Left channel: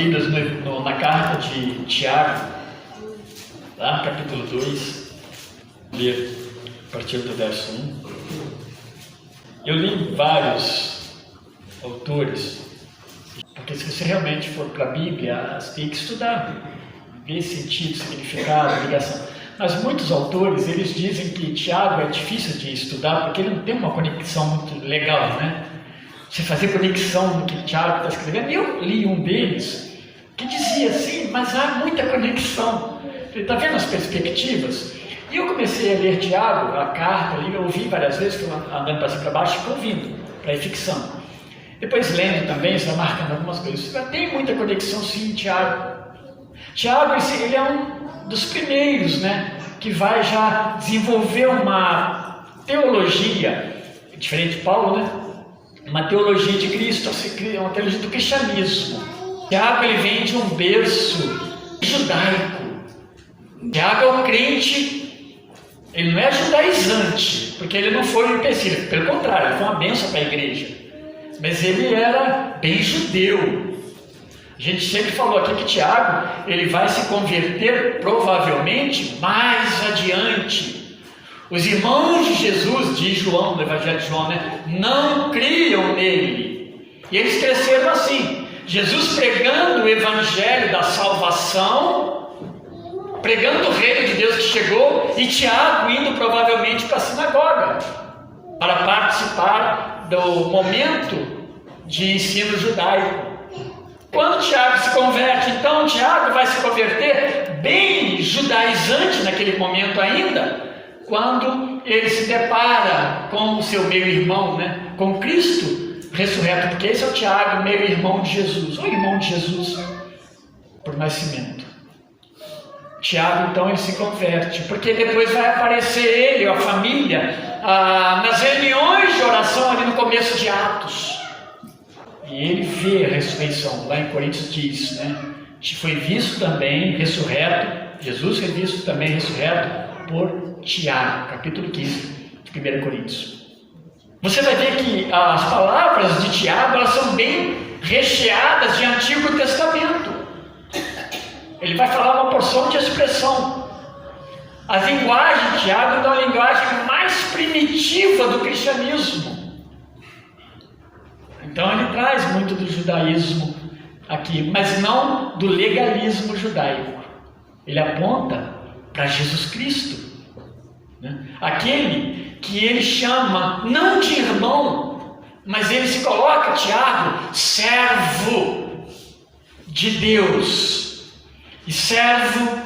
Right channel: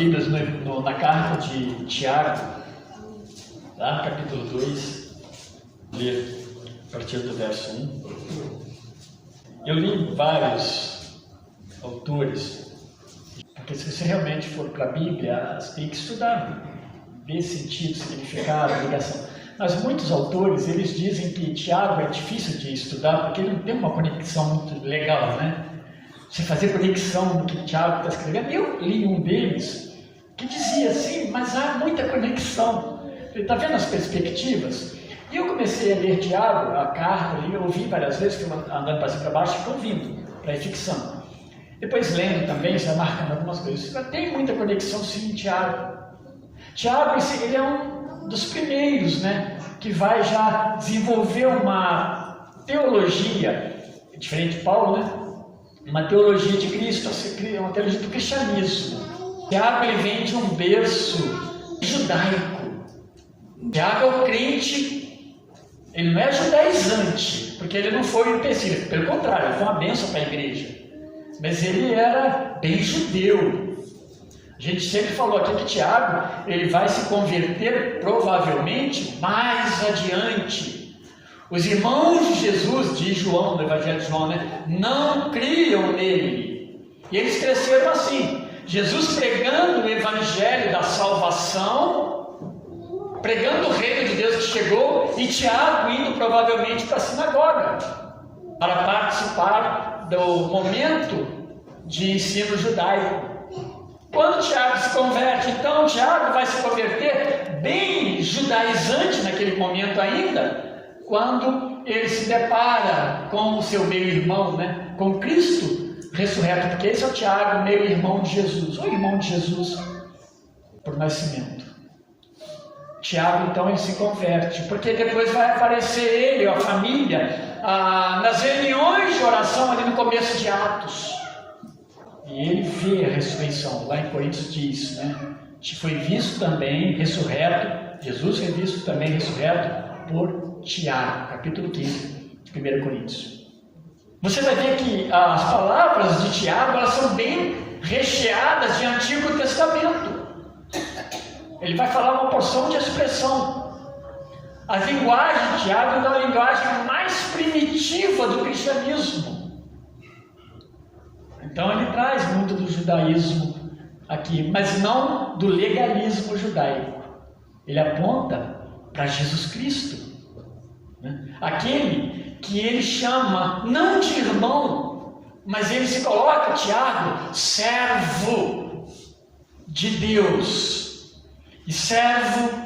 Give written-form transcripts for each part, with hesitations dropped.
Bíblias na carta de Tiago, lá, capítulo 2, ler a partir do verso 1. Eu li vários autores, porque se você realmente for para a Bíblia, você tem que estudar, ver sentido, significado, ligação. Mas muitos autores, eles dizem que Tiago é difícil de estudar, porque ele não tem uma conexão muito legal, né? Você fazer conexão no que Tiago está escrevendo. Eu li um deles que dizia assim, mas há muita conexão. Ele está vendo as perspectivas? E eu comecei a ler Tiago, a carta ali, eu ouvi várias vezes, fui andando para cima e para baixo, fico ouvindo, para ficção. Depois lendo também, você vai marcando algumas coisas. Tem muita conexão sim, Tiago. Tiago, ele é um dos primeiros, né, que vai já desenvolver uma teologia, diferente de Paulo, né? Uma teologia de Cristo, uma teologia do cristianismo. Tiago, ele vem de um berço judaico. Tiago é o crente, ele não é judaizante, porque ele não foi um empecilho, pelo contrário, ele foi uma bênção para a igreja. Mas ele era bem judeu. A gente sempre falou aqui que Tiago, ele vai se converter provavelmente mais adiante. Os irmãos de Jesus, diz João, no Evangelho de João, né, não criam nele. E eles cresceram assim. Jesus pregando o Evangelho da salvação, pregando o reino de Deus que chegou, e Tiago indo provavelmente para a sinagoga, para participar do momento de ensino judaico. Quando Tiago se converte, então Tiago vai se converter bem judaizante naquele momento ainda, quando ele se depara com o seu meio-irmão, né? Com Cristo ressurreto, porque esse é o Tiago, meio-irmão de Jesus, ou irmão de Jesus por nascimento. Tiago, então, ele se converte, porque depois vai aparecer ele, a família, nas reuniões de oração ali no começo de Atos. E ele vê a ressurreição, lá em Coríntios diz, né? Foi visto também ressurreto, Jesus foi visto também ressurreto por Tiago, capítulo 15 de 1 Coríntios. Você vai ver que as palavras de Tiago, elas são bem recheadas de Antigo Testamento. Ele vai falar uma porção de expressão. A linguagem de Tiago é a linguagem mais primitiva do cristianismo. Então ele traz muito do judaísmo aqui, mas não do legalismo judaico. Ele aponta para Jesus Cristo, né? Aquele que ele chama não de irmão, mas ele se coloca, Tiago, servo de Deus e servo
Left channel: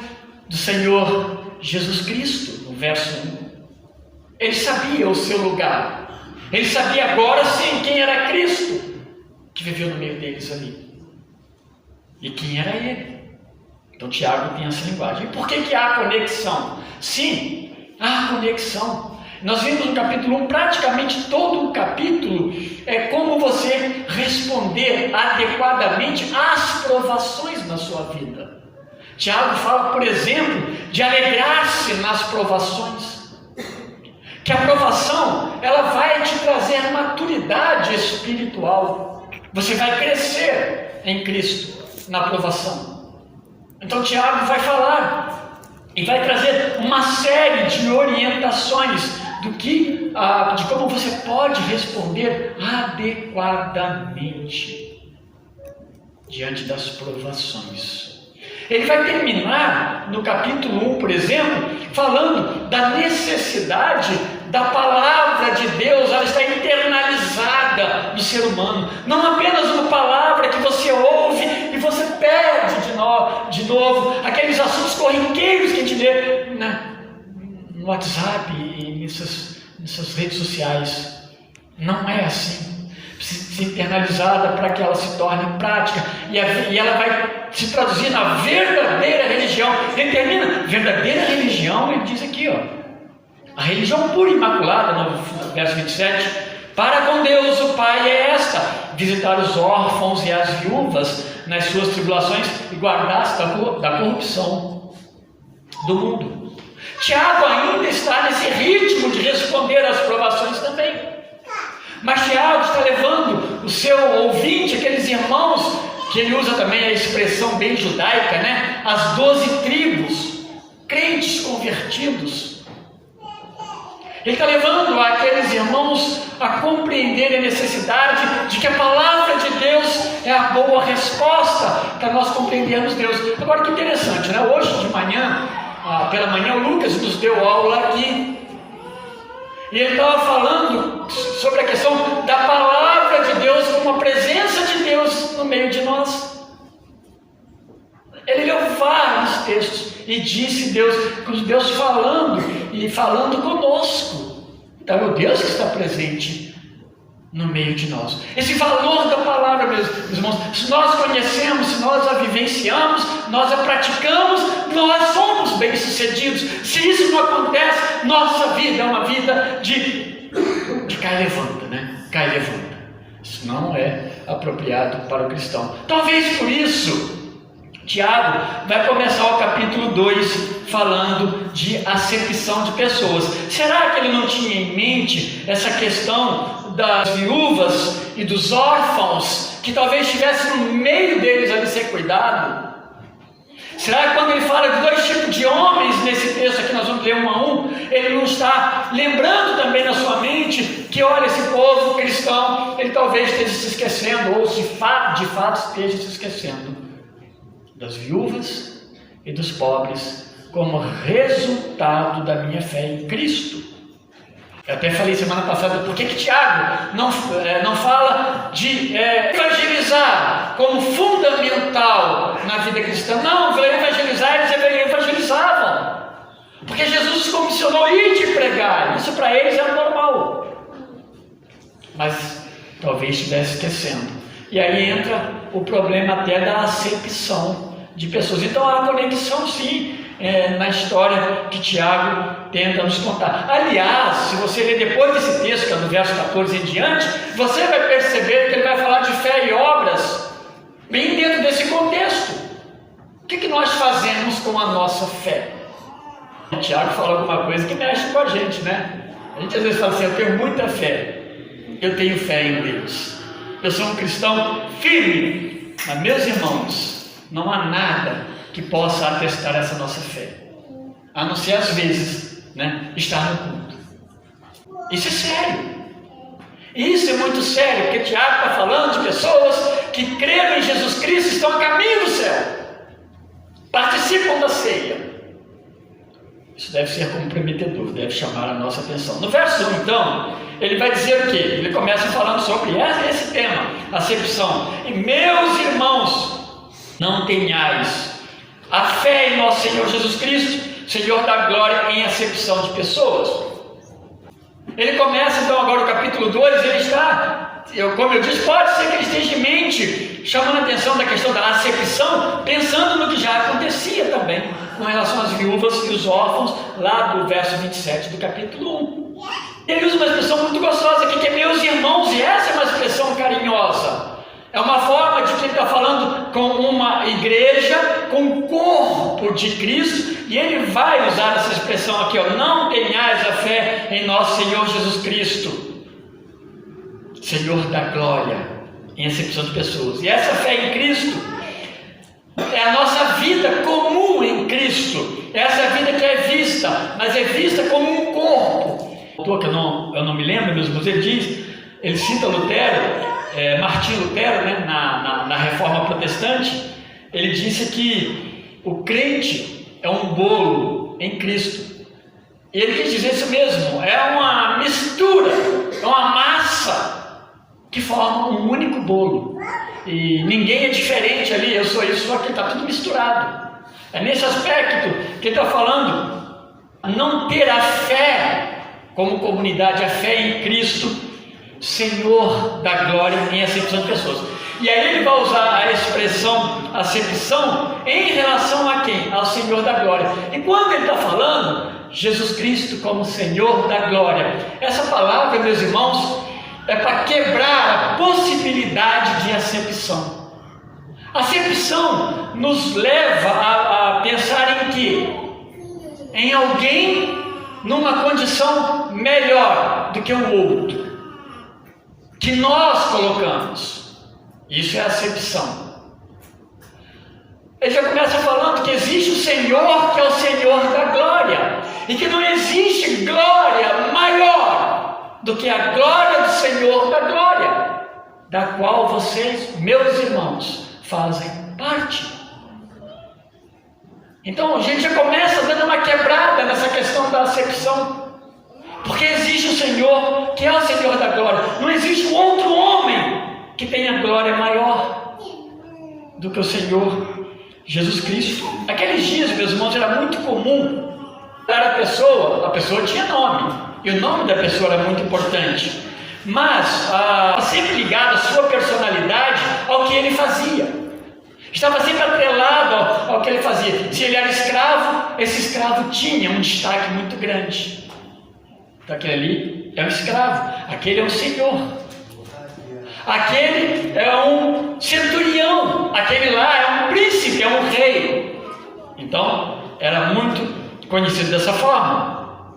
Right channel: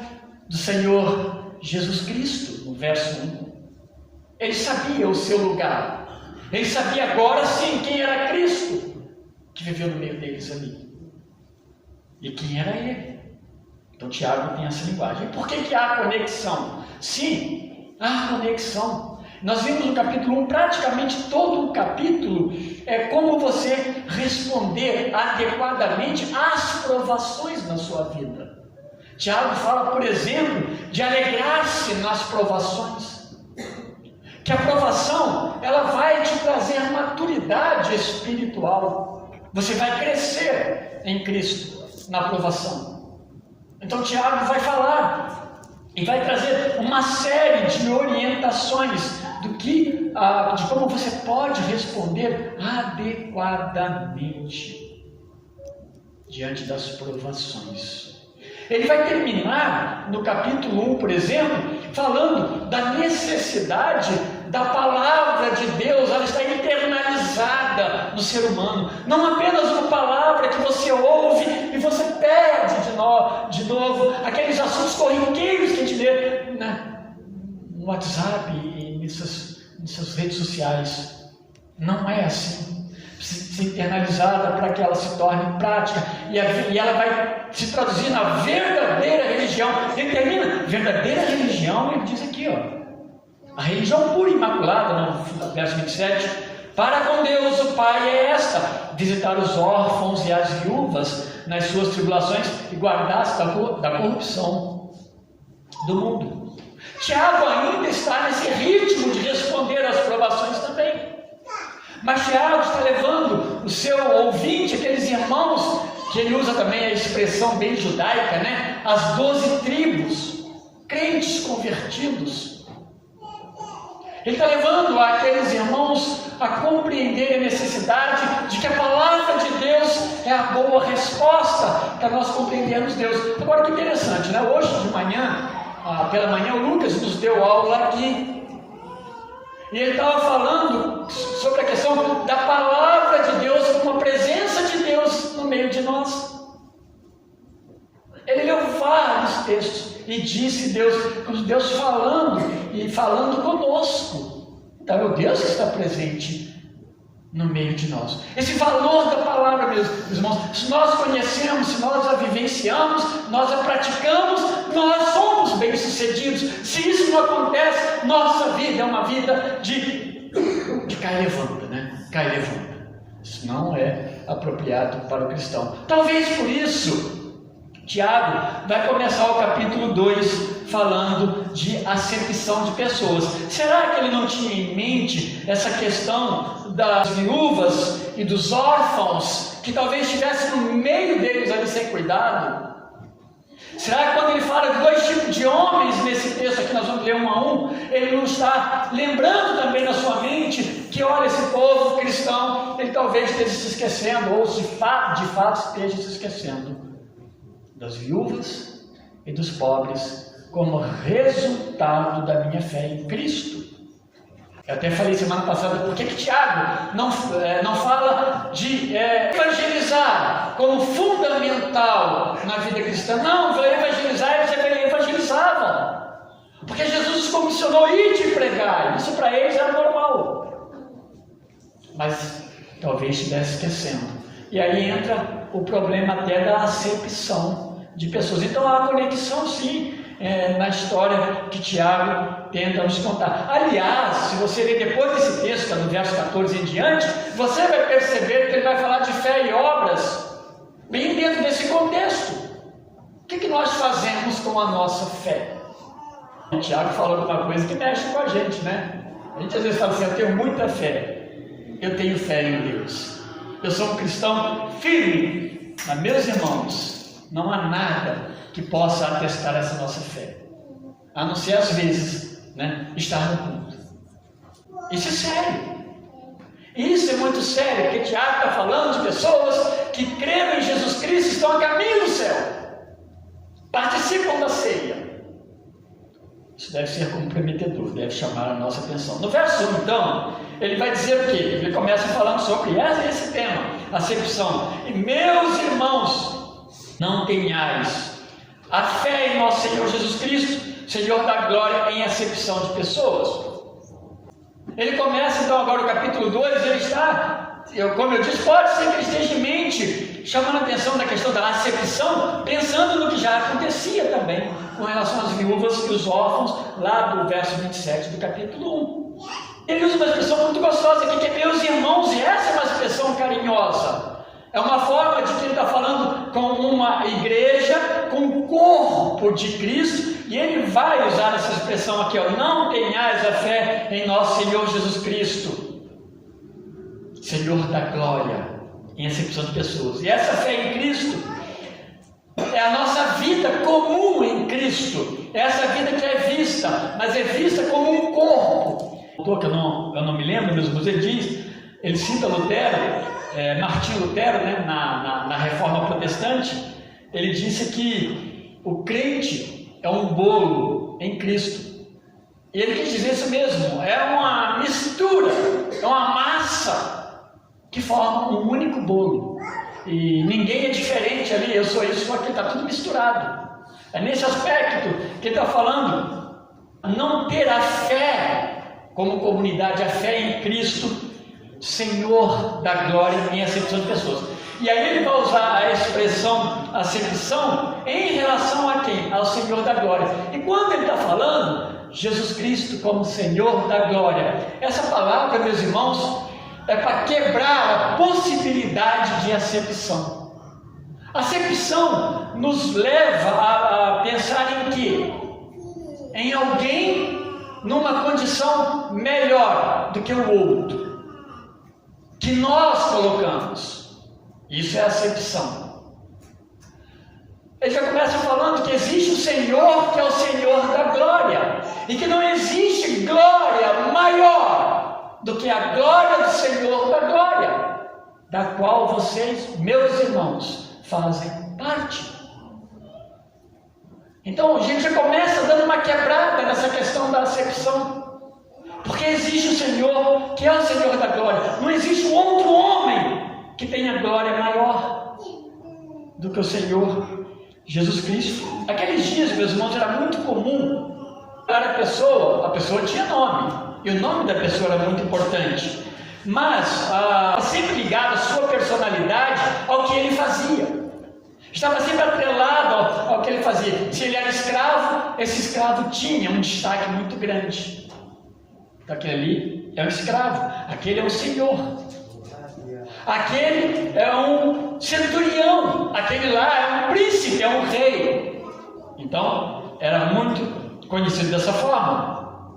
do Senhor Jesus Cristo, no verso 1. Ele sabia o seu lugar. Ele sabia agora sim quem era Cristo, que viveu no meio deles ali, e quem era ele. Então Tiago tem essa linguagem. E por que há conexão? Sim, há conexão. Nós vimos no capítulo 1, praticamente todo o capítulo é como você responder adequadamente às provações na sua vida. Tiago fala, por exemplo, de alegrar-se nas provações. Que a provação, ela vai te trazer maturidade espiritual. Você vai crescer em Cristo na provação. Então Tiago vai falar e vai trazer uma série de orientações de como você pode responder adequadamente diante das provações. Ele vai terminar no capítulo 1, por exemplo, falando da necessidade da palavra de Deus, ela está internalizada no ser humano, não apenas uma palavra que você ouve e você perde de novo, aqueles assuntos corriqueiros que a gente lê no WhatsApp e nessas redes sociais. Não é assim. Precisa ser internalizada para que ela se torne prática, e ela vai se traduzir na verdadeira religião. Ele termina, verdadeira religião, ele diz aqui, ó, a religião pura e imaculada, no verso 27, para com Deus o Pai é esta: visitar os órfãos e as viúvas nas suas tribulações e guardar-se da corrupção do mundo. Tiago ainda está nesse ritmo de responder às provações também. Mas Tiago está levando o seu ouvinte, aqueles irmãos que ele usa também a expressão bem judaica, né? As 12 tribos, crentes convertidos. Ele está levando aqueles irmãos a compreenderem a necessidade de que a palavra de Deus é a boa resposta para nós compreendermos Deus. Agora que interessante, né? Hoje de manhã, pela manhã, o Lucas nos deu aula aqui. E ele estava falando sobre a questão da palavra de Deus como a presença de Deus no meio de nós. Ele leu vários textos e disse Deus falando e falando conosco. Então é o Deus que está presente no meio de nós. Esse valor da palavra, meus irmãos, se nós conhecemos, se nós a vivenciamos, nós a praticamos, nós somos bem-sucedidos. Se isso não acontece, nossa vida é uma vida de cai e levanta, né? Cai e levanta. Isso não é apropriado para o cristão. Talvez por isso Tiago vai começar o capítulo 2 falando de acepção de pessoas. Será que ele não tinha em mente essa questão das viúvas e dos órfãos, que talvez estivesse no meio deles a ser cuidado? Será que quando ele fala de 2 tipos de homens nesse texto aqui, nós vamos ler 1 a 1, ele não está lembrando também na sua mente que, olha, esse povo cristão, ele talvez esteja se esquecendo, ou se de fato esteja se esquecendo das viúvas e dos pobres como resultado da minha fé em Cristo. Eu até falei semana passada, por que Tiago não fala de evangelizar como fundamental na vida cristã? Não, evangelizar, eles evangelizavam, porque Jesus os comissionou a ir de pregar, isso para eles era normal, mas talvez estivesse esquecendo. E aí entra o problema até da acepção de pessoas. Então há uma conexão sim na história que Tiago tenta nos contar. Aliás, se você ler depois desse texto, que é do verso 14 em diante, você vai perceber que ele vai falar de fé e obras bem dentro desse contexto. O que nós fazemos com a nossa fé? E Tiago fala alguma coisa que mexe com a gente, né? A gente às vezes fala assim, eu tenho muita fé, eu tenho fé em Deus, eu sou um cristão firme, mas meus irmãos, não há nada que possa atestar essa nossa fé, a não ser às vezes, né, estar no culto. Isso é sério. Isso é muito sério, porque Tiago está falando de pessoas que creram em Jesus Cristo, estão a caminho do céu, participam da ceia. Isso deve ser comprometedor, deve chamar a nossa atenção. No verso 1, então, ele vai dizer o quê? Ele começa falando sobre esse tema, acepção. E meus irmãos, não tenhais a fé em nosso Senhor Jesus Cristo, Senhor da glória, em acepção de pessoas. Ele começa então agora o capítulo 2, ele está, como eu disse, pode ser que ele esteja em mente, chamando a atenção da questão da acepção, pensando no que já acontecia também, com relação às viúvas e os órfãos, lá do verso 27 do capítulo 1. Ele usa uma expressão muito gostosa aqui, que é meus irmãos, e essa é uma expressão carinhosa. É uma forma de que ele está falando com uma igreja, com o corpo de Cristo, e ele vai usar essa expressão aqui, ó, não tenhais a fé em nosso Senhor Jesus Cristo, Senhor da glória, em acepção de pessoas. E essa fé em Cristo é a nossa vida comum em Cristo, essa vida que é vista, mas é vista como um corpo. O autor que eu não me lembro, mas ele cita Lutero, Martinho Lutero, né, na Reforma Protestante. Ele disse que o crente é um bolo em Cristo. E ele quis dizer isso mesmo, é uma mistura, é uma massa que forma um único bolo. E ninguém é diferente ali, eu sou isso, só que está tudo misturado. É nesse aspecto que ele está falando, não ter a fé como comunidade, a fé em Cristo, Senhor da glória, em acepção de pessoas. E aí ele vai usar a expressão acepção em relação a quem? Ao Senhor da glória. E quando ele está falando Jesus Cristo como Senhor da glória, essa palavra, meus irmãos, é para quebrar a possibilidade de acepção. A acepção nos leva a pensar em quê? Em alguém numa condição melhor do que o outro, que nós colocamos. Isso é acepção. Ele já começa falando que existe o Senhor, que é o Senhor da glória, e que não existe glória maior do que a glória do Senhor da glória, da qual vocês, meus irmãos, fazem parte. Então a gente já começa dando uma quebrada nessa questão da acepção, porque existe o Senhor, que é o Senhor da glória. Não existe um outro homem que tenha glória maior do que o Senhor Jesus Cristo. Aqueles dias, meus irmãos, era muito comum. A pessoa tinha nome, e o nome da pessoa era muito importante, mas sempre ligado a sua personalidade ao que ele fazia. Estava sempre atrelado ao que ele fazia. Se ele era escravo, esse escravo tinha um destaque muito grande. Aquele ali é um escravo, aquele é um senhor, aquele é um centurião, aquele lá é um príncipe, é um rei. Então era muito conhecido dessa forma.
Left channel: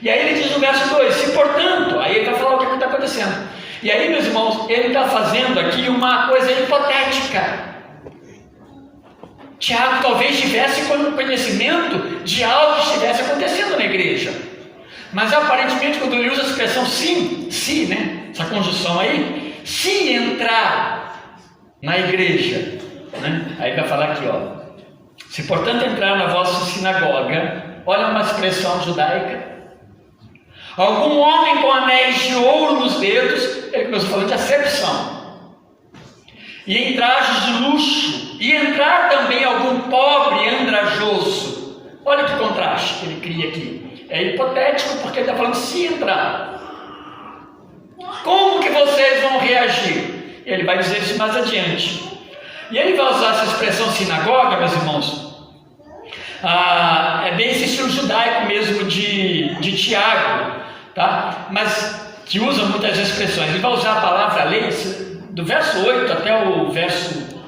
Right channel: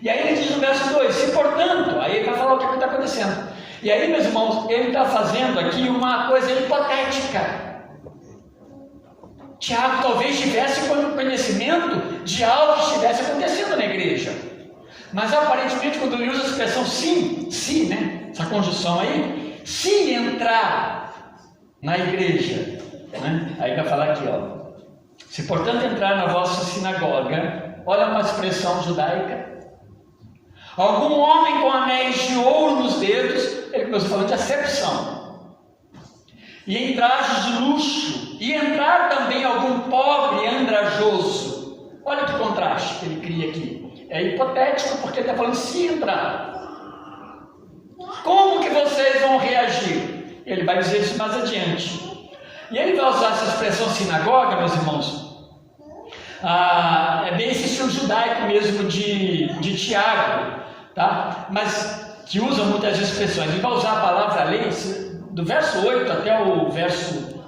E aí ele diz no verso 2: se portanto, aí ele vai falar o que está acontecendo. E aí, meus irmãos, ele está fazendo aqui uma coisa hipotética. Tiago talvez tivesse conhecimento de algo que estivesse acontecendo na igreja, mas aparentemente quando ele usa a expressão se, né, essa conjunção aí, se entrar na igreja, né, aí vai falar aqui, ó, se portanto entrar na vossa sinagoga, olha uma expressão judaica, algum homem com anéis de ouro nos dedos, ele começou falando de acepção, e em trajes de luxo, e entrar também algum pobre andrajoso. Olha que contraste que ele cria aqui. É hipotético porque ele está falando se entrar. Como que vocês vão reagir? Ele vai dizer isso mais adiante. E ele vai usar essa expressão sinagoga, meus irmãos. É bem esse estilo judaico mesmo de Tiago, tá? Mas que usa muitas expressões. Ele vai usar a palavra lei, do verso 8 até o verso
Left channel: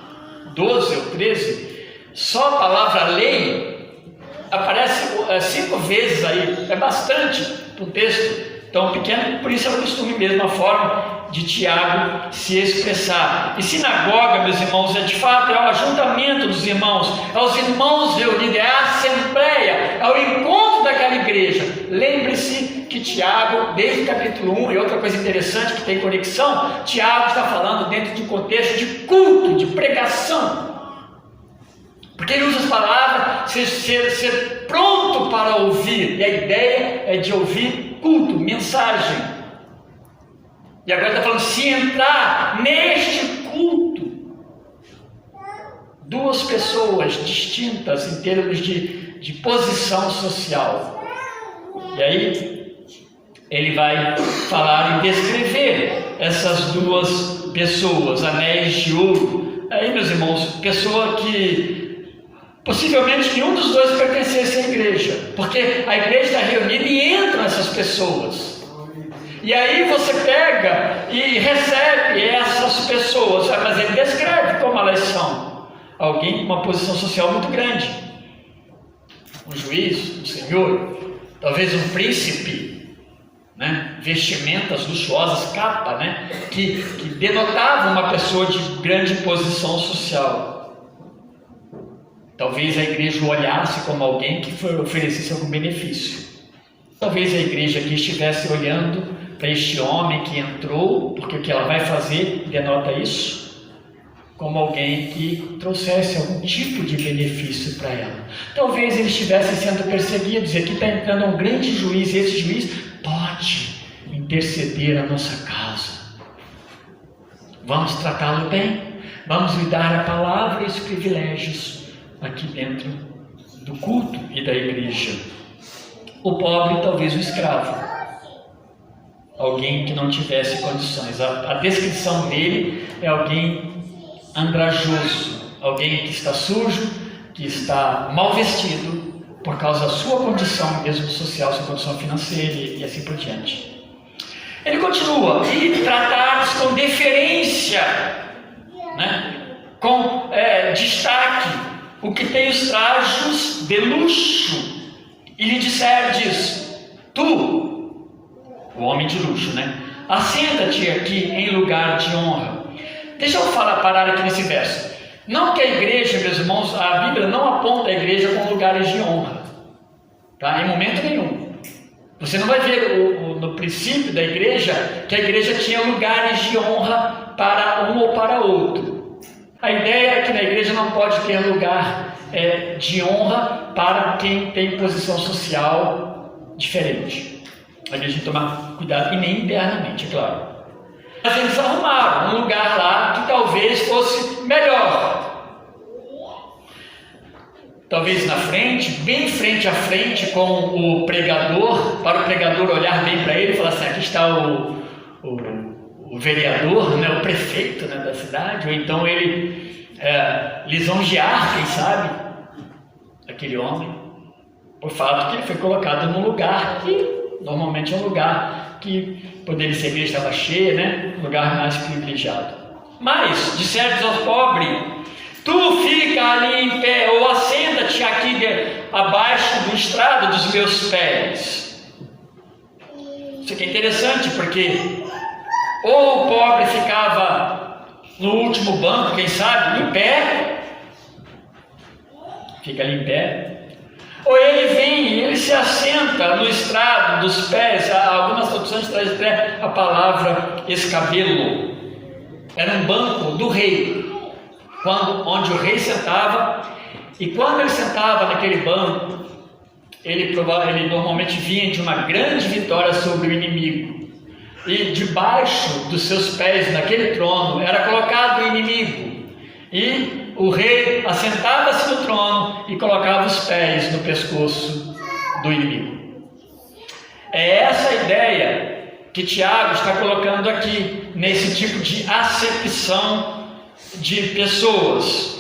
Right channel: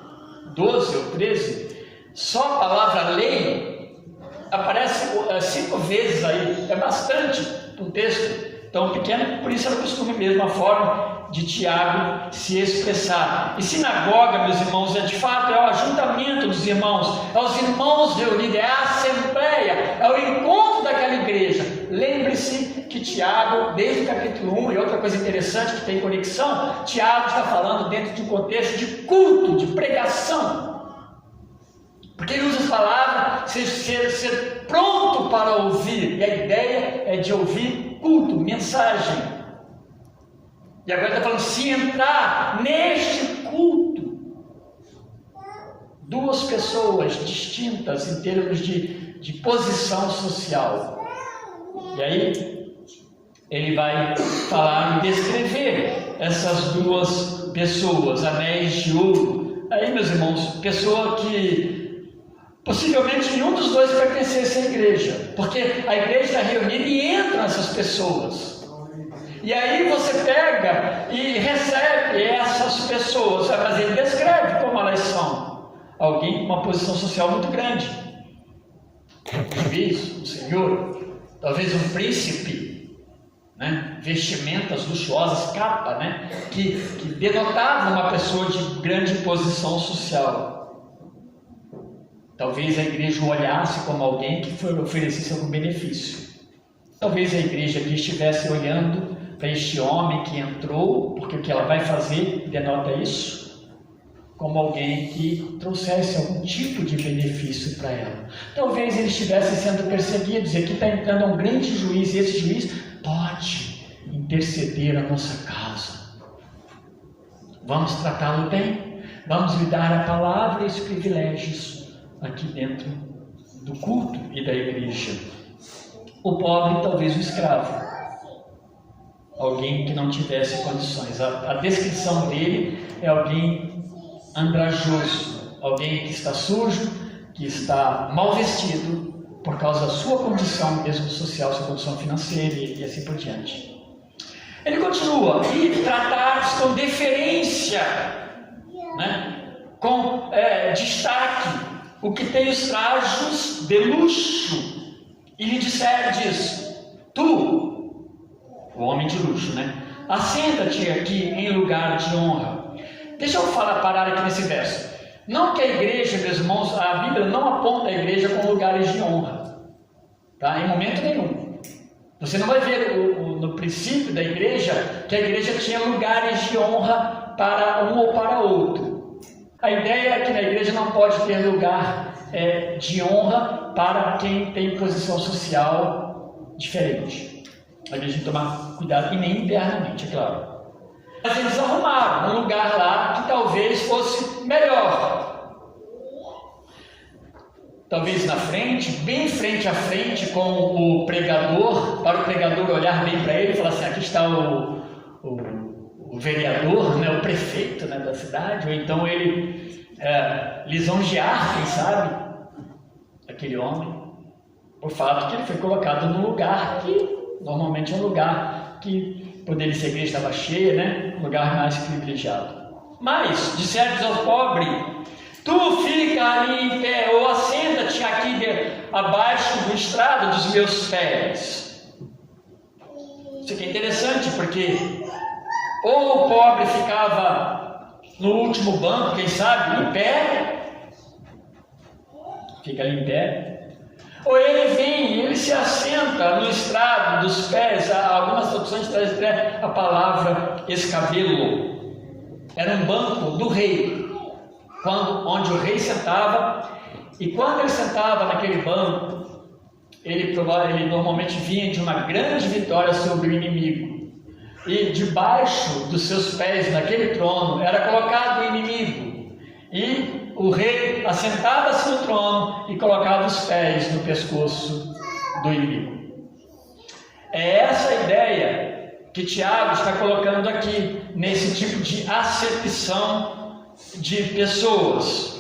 12 ou 13, só a palavra lei aparece 5 vezes aí, é bastante para um texto tão pequeno, por isso é o costume mesmo, a forma de Tiago se expressar. E sinagoga, meus irmãos, é de fato, é o ajuntamento dos irmãos, é os irmãos reunidos, é a assembleia, é o encontro daquela igreja. Lembre-se que Tiago, desde o capítulo 1, e outra coisa interessante que tem conexão, Tiago está falando dentro de um contexto de culto, de pregação, porque ele usa as palavras ser pronto para ouvir, e a ideia é de ouvir culto, mensagem. E agora está falando, se entrar neste culto, duas pessoas distintas em termos de posição social. E aí ele vai falar e descrever essas duas pessoas, anéis de ouro. Aí, meus irmãos, pessoa que possivelmente nenhum dos dois pertencesse à igreja, porque a igreja está reunida e entram essas pessoas. E aí você pega e recebe essas pessoas, mas ele descreve como elas são. Alguém com uma posição social muito grande, um juiz, um senhor, talvez um príncipe, né? Vestimentas luxuosas, capa, né? que denotava uma pessoa de grande posição social. Talvez a igreja o olhasse como alguém que oferecesse algum benefício. Talvez a igreja aqui estivesse olhando para este homem que entrou, porque o que ela vai fazer denota isso, como alguém que trouxesse algum tipo de benefício para ela. Talvez ele estivesse sendo perseguido, dizer que está entrando um grande juiz, e esse juiz pode interceder a nossa causa. Vamos tratá-lo bem, vamos lhe dar a palavra e os privilégios aqui dentro do culto e da igreja. O pobre, talvez o escravo, alguém que não tivesse condições. A descrição dele é alguém andrajoso, alguém que está sujo, que está mal vestido por causa da sua condição mesmo social, sua condição financeira e assim por diante. Ele continua, e tratados com deferência, né? Com destaque, o que tem os trajes de luxo, e lhe disserdes, tu, o homem de luxo, né? Assenta-te aqui em lugar de honra. Deixa eu parar aqui nesse verso. Não que a igreja, meus irmãos, a Bíblia não aponta a igreja como lugares de honra, tá? Em momento nenhum. Você não vai ver no princípio da igreja que a igreja tinha lugares de honra para um ou para outro. A ideia é que na igreja não pode ter lugar de honra para quem tem posição social diferente. A gente tem que tomar cuidado, e nem internamente, é claro. Mas eles arrumaram um lugar lá que talvez fosse melhor. Talvez na frente, bem frente a frente com o pregador, para o pregador olhar bem para ele e falar assim: aqui está o vereador, né, o prefeito, né, da cidade, ou então ele lisonjear, quem sabe, aquele homem, por fato que ele foi colocado num lugar que normalmente é um lugar que poderia ser, a igreja estava cheia, né, um lugar mais privilegiado. Mas disseram ao pobre: tu fica ali em pé, ou assenta-te aqui abaixo do estrado dos meus pés. Isso aqui é interessante, porque ou o pobre ficava no último banco, quem sabe, em pé, fica ali em pé, ou ele vem, ele se assenta no estrado dos pés. Algumas traduções trazem até a palavra escabelo. Era um banco do rei, onde o rei sentava, e quando ele sentava naquele banco, ele normalmente vinha de uma grande vitória sobre o inimigo, e debaixo dos seus pés, naquele trono, era colocado o inimigo, e o rei assentava-se no trono e colocava os pés no pescoço do inimigo. É essa a ideia que Tiago está colocando aqui, nesse tipo de acepção de pessoas.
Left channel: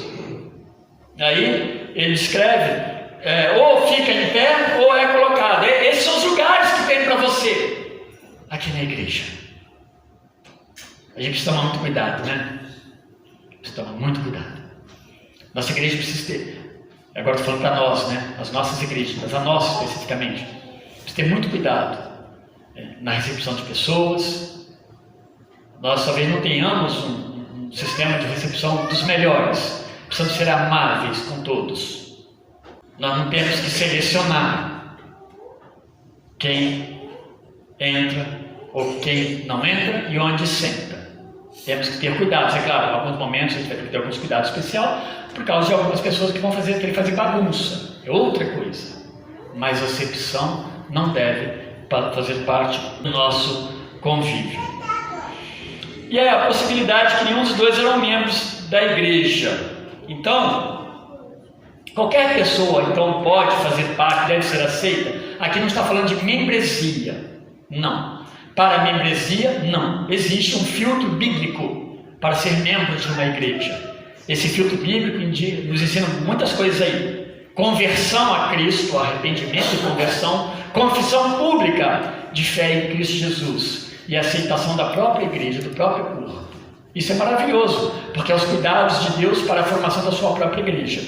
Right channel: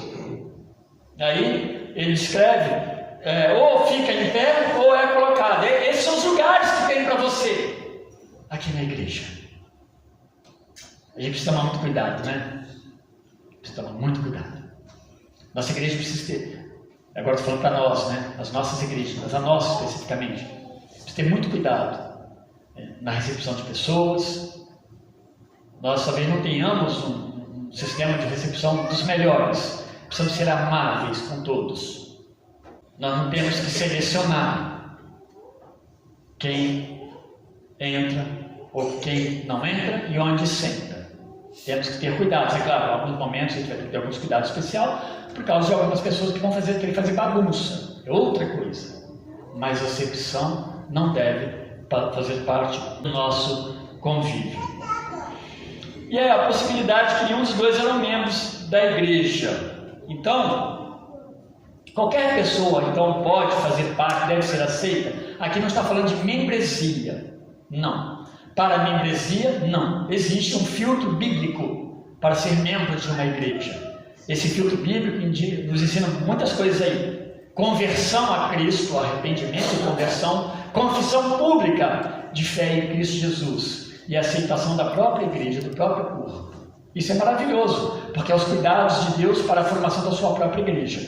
Aí ele escreve: ou fica em pé ou é colocado. Esses são os lugares que tem para você aqui na igreja. A gente precisa tomar muito cuidado, né? Precisa tomar muito cuidado. Nossa igreja precisa ter, agora estou falando para nós, né? As nossas igrejas, mas a nossa especificamente, precisa ter muito cuidado na recepção de pessoas. Nós talvez não tenhamos um sistema de recepção dos melhores, precisamos ser amáveis com todos. Nós não temos que selecionar quem entra ou quem não entra e onde senta. Temos que ter cuidado, é claro, em alguns momentos a gente vai ter alguns cuidados especiais por causa de algumas pessoas que vão querer fazer bagunça, é outra coisa. Mas a acepção não deve fazer parte do nosso convívio. E é a possibilidade que nenhum dos dois eram membros da igreja. Então, qualquer pessoa então pode fazer parte, deve ser aceita. Aqui não está falando de membresia, não. Para a membresia, não. Existe um filtro bíblico para ser membro de uma igreja. Esse filtro bíblico nos ensina muitas coisas aí: conversão a Cristo, arrependimento e conversão, confissão pública de fé em Cristo Jesus e aceitação da própria igreja, do próprio corpo. Isso é maravilhoso, porque é os cuidados de Deus para a formação da sua própria igreja.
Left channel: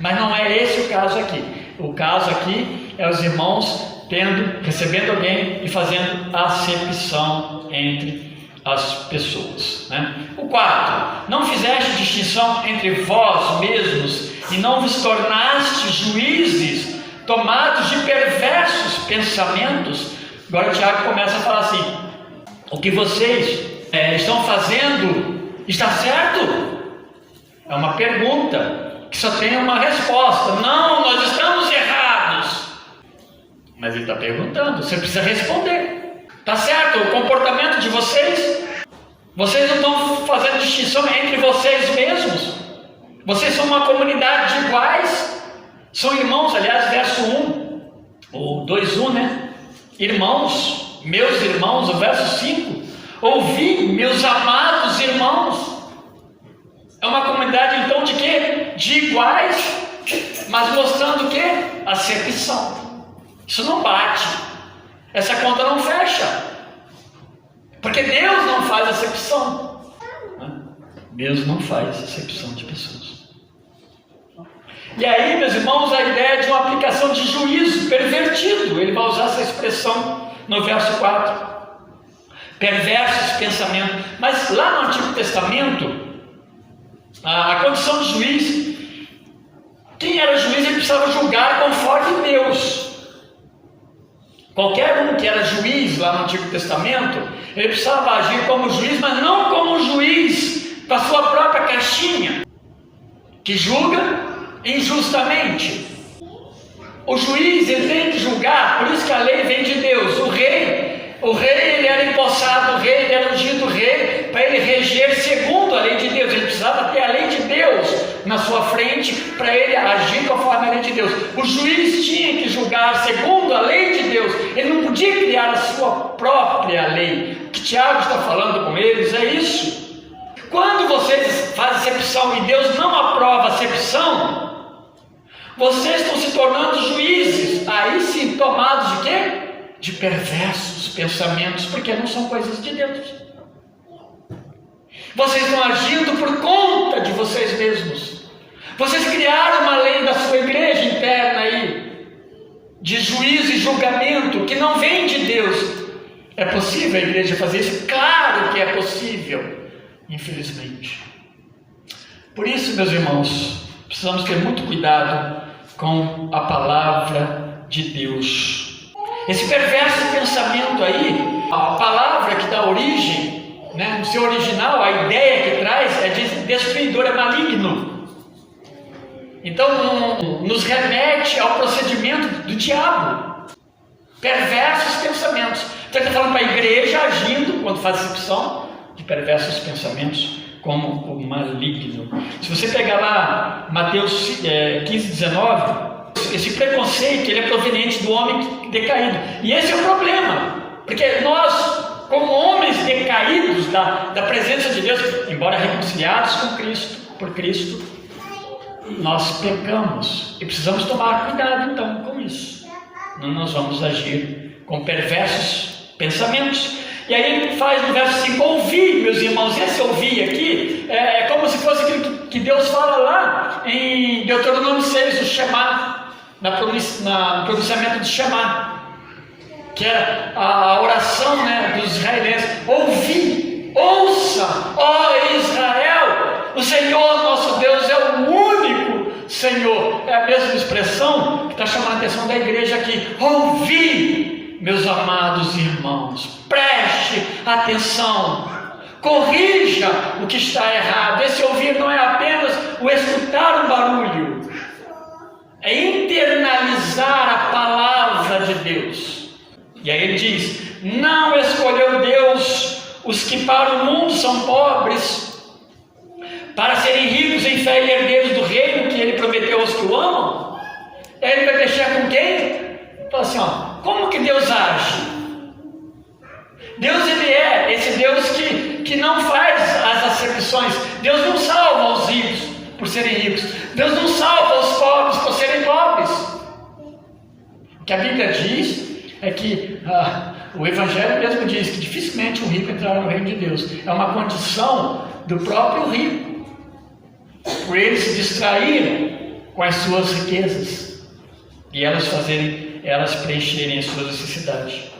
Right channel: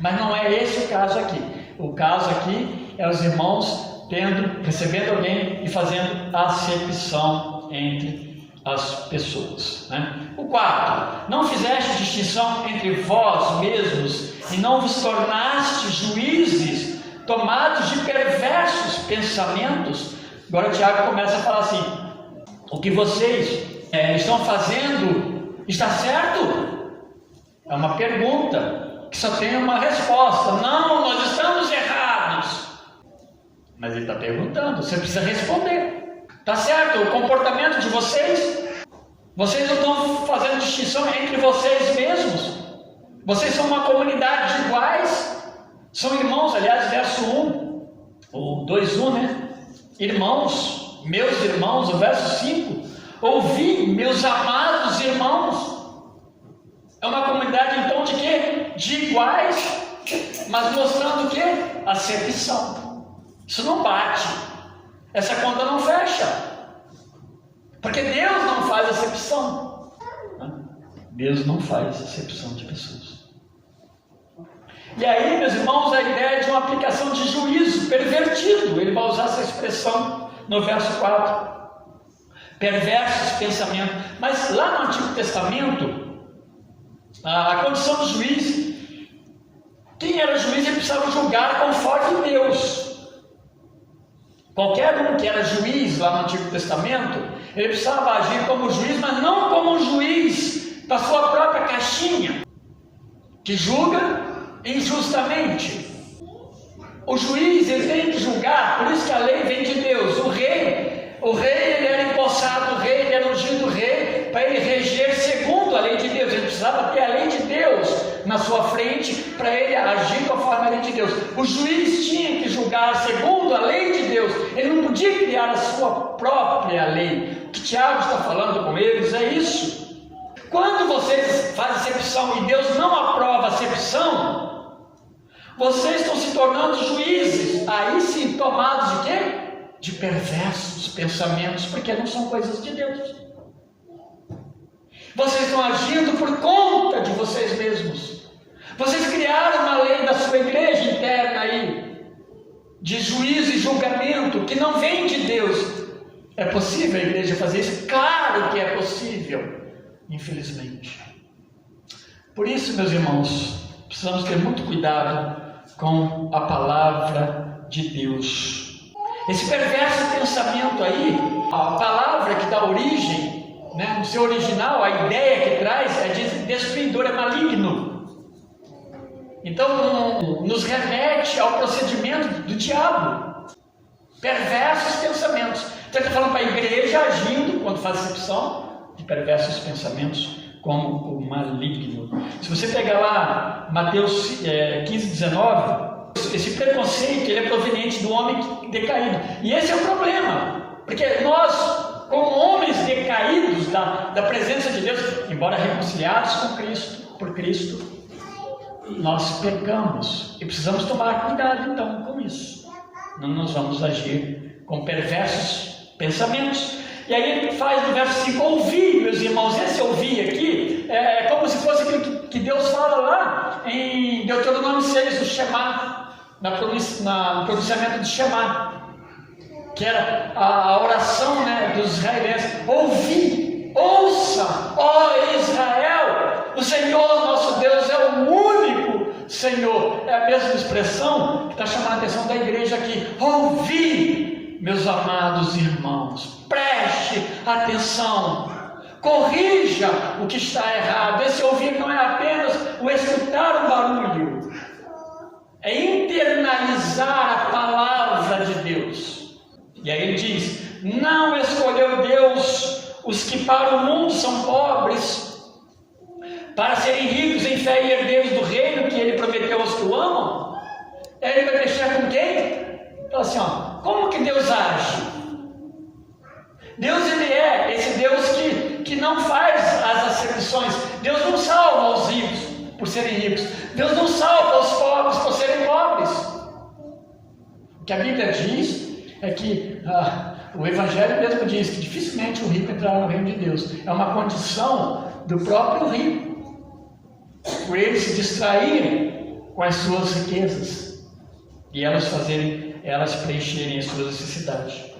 Mas não é esse o caso aqui. O caso aqui é os irmãos recebendo alguém e fazendo acepção entre as pessoas, né? O quarto: não fizeste distinção entre vós mesmos e não vos tornaste juízes, tomados de perversos pensamentos. Agora Tiago começa a falar assim: o que vocês estão fazendo está certo? É uma pergunta que só tem uma resposta: não, nós estamos errados. Mas ele está perguntando, você precisa responder. Está certo o comportamento de vocês? Vocês não estão fazendo distinção entre vocês mesmos? Vocês são uma comunidade de iguais? São irmãos, aliás, verso 1, ou 2:1, né? Irmãos, meus irmãos, o verso 5. Ouvi, meus amados irmãos. É uma comunidade então de quê? De iguais, mas mostrando o quê? Acepção. Isso não bate. Essa conta não fecha. Porque Deus não faz acepção. Deus não faz acepção de pessoas. E aí, meus irmãos, a ideia de uma aplicação de juízo pervertido. Ele vai usar essa expressão no verso 4. Perversos pensamentos. Mas lá no Antigo Testamento, A condição de juiz, quem era juiz, ele precisava julgar conforme Deus. Qualquer um que era juiz lá no Antigo Testamento, ele precisava agir como juiz, mas não como juiz para sua própria caixinha, que julga injustamente. O juiz, ele tem que julgar, por isso que a lei vem de Deus. O rei ele era empossado, o rei ele era ungido rei, para ele reger segundo a lei de Deus. Ele precisava ter a lei de Deus na sua frente, para ele agir conforme a lei de Deus. O juiz tinha que julgar segundo a lei de Deus, ele não podia criar a sua própria lei. O que Tiago está falando com eles é isso. Quando vocês fazem acepção e Deus não aprova a acepção, vocês estão se tornando juízes, aí sim, tomados de quê? De perversos pensamentos, porque não são coisas de Deus. Vocês estão agindo por conta de vocês mesmos. Vocês criaram uma lei da sua igreja interna aí, de juízo e julgamento, que não vem de Deus. É possível a igreja fazer isso? Claro que é possível, infelizmente. Por isso, meus irmãos, precisamos ter muito cuidado com a palavra de Deus. Esse perverso pensamento aí, a palavra que dá origem, né, no seu original, a ideia que traz é de destruidor, é maligno. Então, nos remete ao procedimento do diabo. Perversos pensamentos. Então, ele está falando para a igreja agindo, quando faz acepção, de perversos pensamentos, como o maligno. Se você pegar lá Mateus 15, 19, esse preconceito ele é proveniente do homem decaído. E esse é o problema, porque nós, como homens decaídos da presença de Deus, embora reconciliados com Cristo, por Cristo, nós pecamos e precisamos tomar cuidado então com isso. Não nós vamos agir com perversos pensamentos. E aí ele faz no verso 5, ouvir, meus irmãos. Esse ouvir aqui é como se fosse aquilo que Deus fala lá em Deuteronômio 6, o Shema, no pronunciamento de Shema, que é a oração, né, dos israelenses. Ouvir, ouça, ó Israel, o Senhor nosso Deus é o único Senhor. É a mesma expressão que está chamando a atenção da igreja aqui. Ouvir, meus amados irmãos, preste atenção, corrija o que está errado. Esse ouvir não é apenas o escutar um barulho, é internalizar a palavra de Deus. E aí ele diz: não escolheu Deus os que para o mundo são pobres, para serem ricos em fé e herdeiros do reino que ele prometeu aos que o amam. Aí ele vai deixar com quem? Fala assim, ó, como que Deus age? Deus, ele é esse Deus que não faz as acepções. Deus não salva os ricos por serem ricos. Deus não salva os pobres por serem pobres. O que a Bíblia diz é que o Evangelho mesmo diz que dificilmente o rico entrará no reino de Deus. É uma condição do próprio rico, por ele se distraírem com as suas riquezas e elas preencherem as suas necessidades.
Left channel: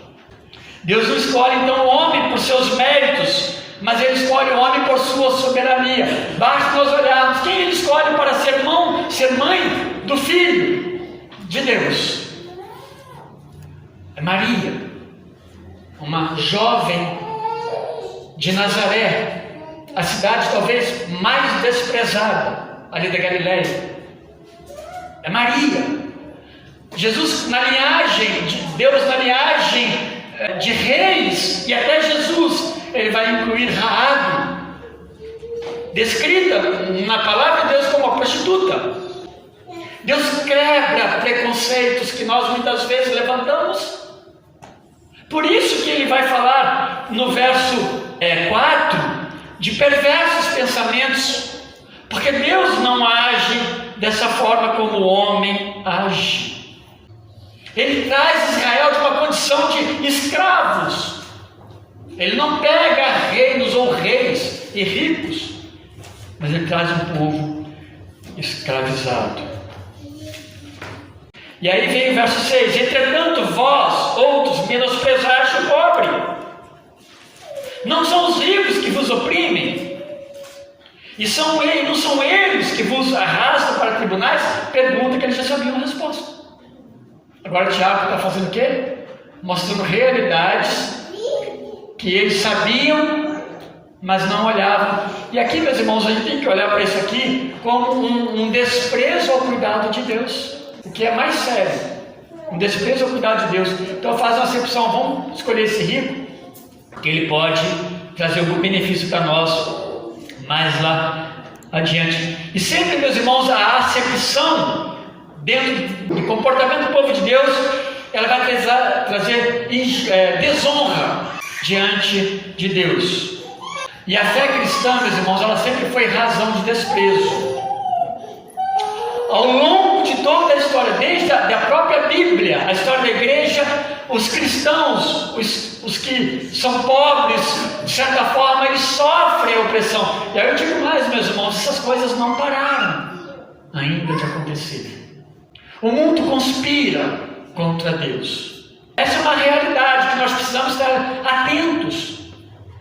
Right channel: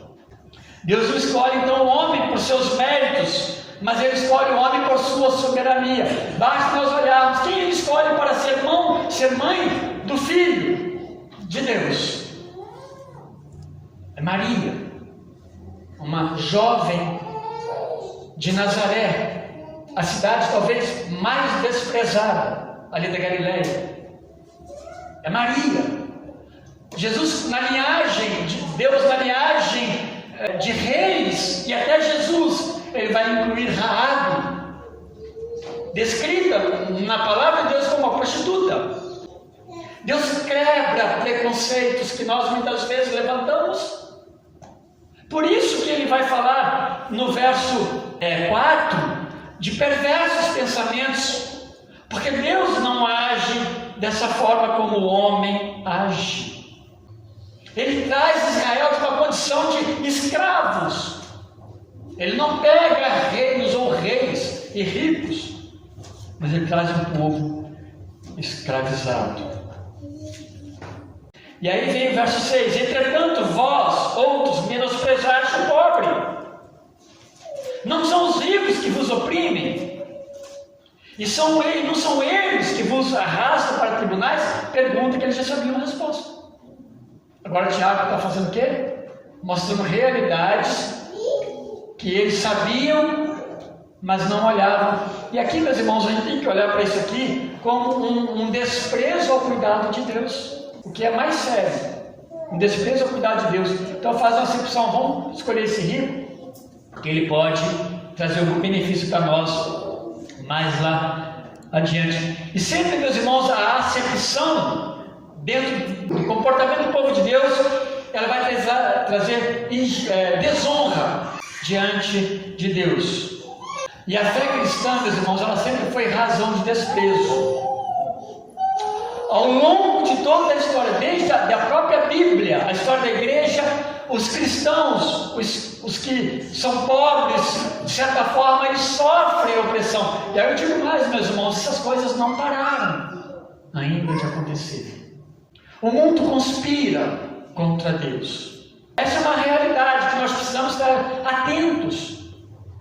Deus não escolhe então o homem por seus méritos, mas ele escolhe o homem por sua soberania. Basta nós olharmos quem ele escolhe para ser mãe do Filho de Deus. É Maria, uma jovem de Nazaré, a cidade talvez mais desprezada ali da Galileia. É Maria. Jesus na linhagem de Deus, na linhagem de reis, e até Jesus, ele vai incluir Raabe, descrita na palavra de Deus como uma prostituta. Deus quebra preconceitos que nós muitas vezes levantamos. Por isso que ele vai falar no verso 4 de perversos pensamentos, porque Deus não age dessa forma como o homem age. Ele traz Israel de uma condição de escravos. Ele não pega reinos ou reis e ricos, mas ele traz um povo escravizado. E aí vem o verso 6: entretanto vós, outros, menosprezaste o pobre. Não são os ricos que vos oprimem, E não são eles que vos arrastam para tribunais? Pergunta que eles já sabiam a resposta. Agora Tiago está fazendo o quê? Mostrando realidades que eles sabiam, mas não olhavam. E aqui, meus irmãos, a gente tem que olhar para isso aqui como um desprezo ao cuidado de Deus. O que é mais sério, um desprezo ao cuidado de Deus. Então faz uma acepção, vamos escolher esse rico, que ele pode trazer algum benefício para nós mais lá adiante. E sempre, meus irmãos, a acepção dentro do comportamento do povo de Deus, ela vai trazer desonra diante de Deus. E a fé cristã, meus irmãos, ela sempre foi razão de desprezo. Ao longo de toda a história, desde a própria Bíblia, a história da igreja, os cristãos, os que são pobres, de certa forma, eles sofrem a opressão. E aí eu digo mais, meus irmãos, essas coisas não pararam ainda de acontecer. O mundo conspira contra Deus. Essa é uma realidade que nós precisamos estar atentos.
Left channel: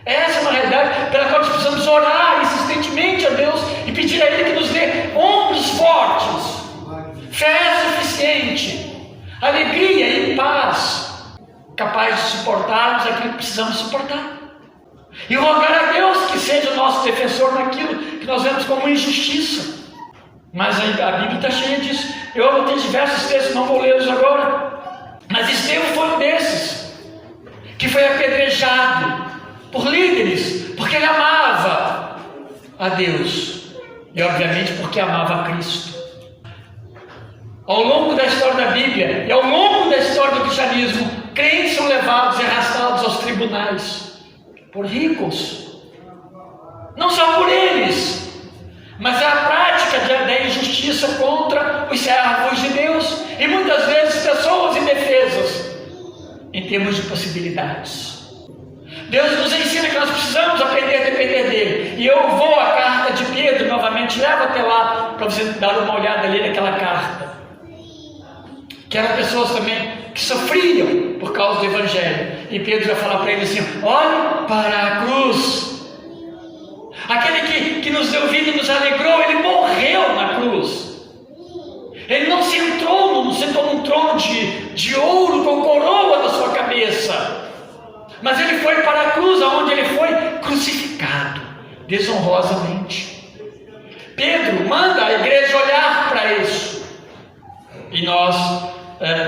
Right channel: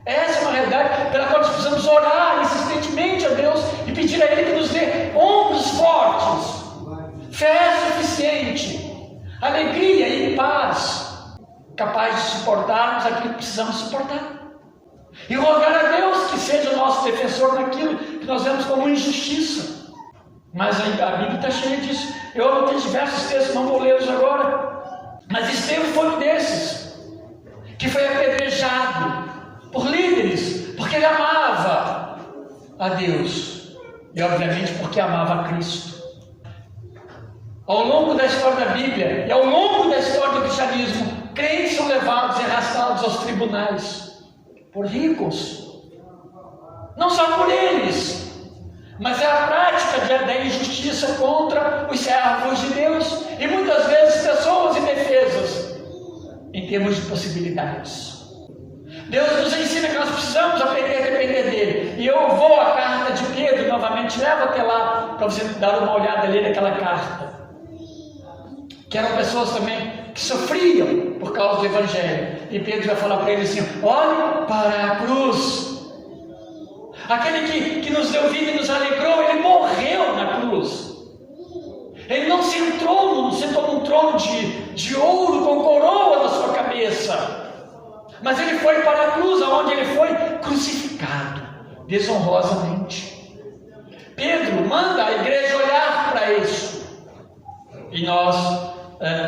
Essa é uma realidade pela qual nós precisamos orar insistentemente a Deus e pedir a Ele que nos dê ombros fortes, fé suficiente, alegria e paz, capaz de suportarmos aquilo que precisamos suportar. E rogar a Deus que seja o nosso defensor naquilo que nós vemos como injustiça. Mas a Bíblia está cheia disso. Eu anotei diversos textos, não vou lê-los agora. Mas Estevão foi um desses, que foi apedrejado por líderes, porque ele amava a Deus. E obviamente porque amava a Cristo. Ao longo da história da Bíblia e ao longo da história do cristianismo, crentes são levados e arrastados aos tribunais por ricos. Não só por eles, mas é a prática da injustiça contra os servos de Deus. E muitas vezes pessoas indefesas em termos de possibilidades. Deus nos ensina que nós precisamos aprender a depender dele. E eu vou à carta de Pedro novamente, levo até lá para você dar uma olhada ali naquela carta. Que eram pessoas também que sofriam por causa do Evangelho. E Pedro vai falar para ele assim: olhe para a cruz. Aquele que nos deu vida e nos alegrou, ele morreu na cruz. Ele não sentou num trono de ouro com coroa na sua cabeça. Mas ele foi para a cruz, onde ele foi crucificado, desonrosamente. Pedro manda a igreja olhar para isso. E nós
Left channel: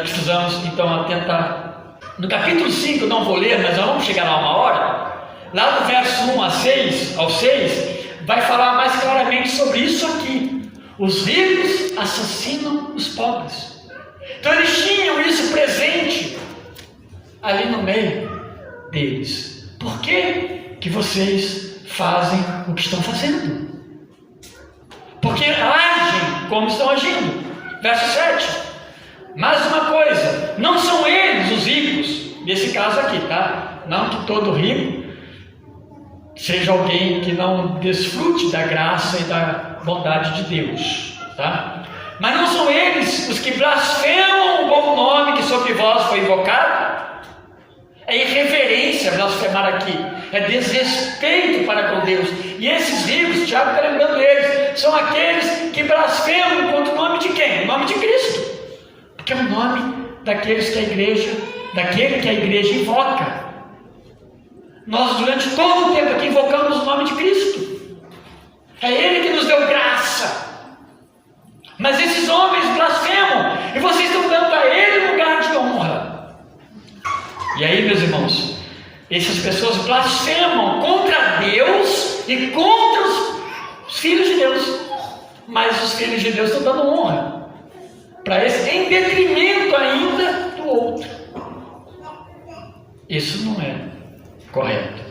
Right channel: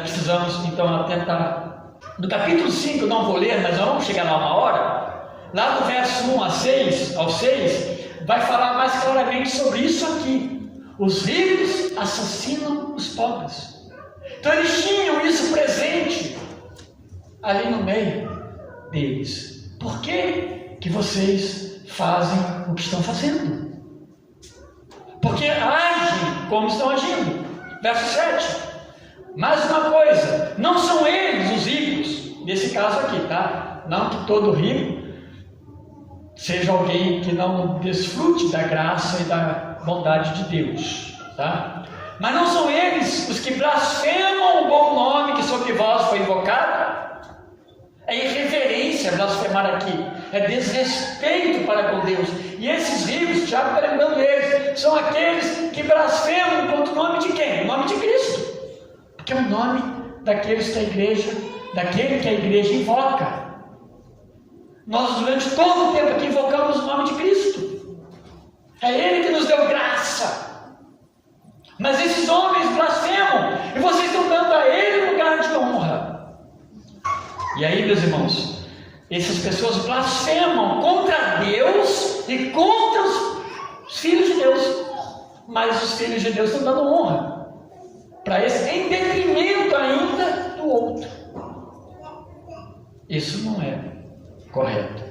precisamos então atentar. No capítulo 5, não vou ler, mas nós vamos chegar lá uma hora. Lá do verso 1 ao 6, vai falar mais claramente sobre isso aqui. Os ricos assassinam os pobres. Então eles tinham isso presente ali no meio deles. Por que vocês fazem o que estão fazendo? Porque agem como estão agindo. Verso 7. Mais uma coisa, não são eles os ricos, nesse caso aqui, tá? Não que todo rico seja alguém que não desfrute da graça e da bondade de Deus, tá? Mas não são eles os que blasfemam o bom nome que sobre vós foi invocado? É irreverência blasfemar aqui, é desrespeito para com Deus. E esses ricos, Tiago está lembrando eles, são aqueles que blasfemam contra o nome de quem? O nome de Cristo, porque é o nome daquele que a igreja invoca. Nós durante todo o tempo aqui invocamos o nome de Cristo. É Ele que nos deu graça. Mas esses homens blasfemam, e vocês estão dando a Ele lugar de honra. E aí, meus irmãos, essas pessoas blasfemam contra Deus e contra os filhos de Deus. Mas os filhos de Deus estão dando honra para esse, em detrimento ainda do outro. Isso não é correto.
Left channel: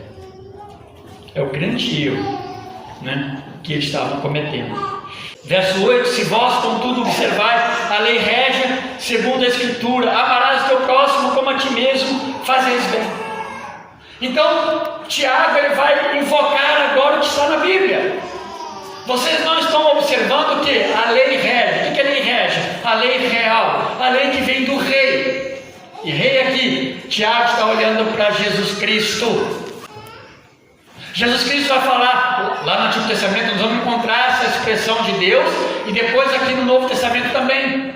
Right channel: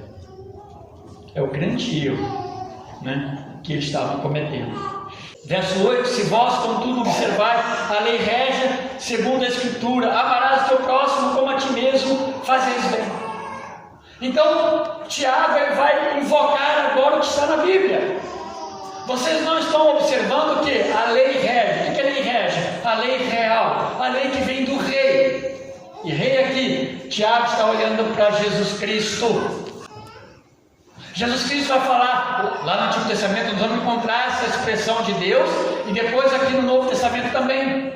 É o grande erro, que eles estavam cometendo. Verso 8: se vós, contudo, observai a lei régia, segundo a Escritura, amarás o teu próximo como a ti mesmo, fazeis bem. Então, Tiago ele vai invocar agora o que está na Bíblia. Vocês não estão observando o que? A lei régia. O que é a lei régia? A lei real, a lei que vem do rei. E rei aqui, Tiago está olhando para Jesus Cristo. Jesus Cristo vai falar: lá no Antigo Testamento nós vamos encontrar essa expressão de Deus, e depois aqui no Novo Testamento também.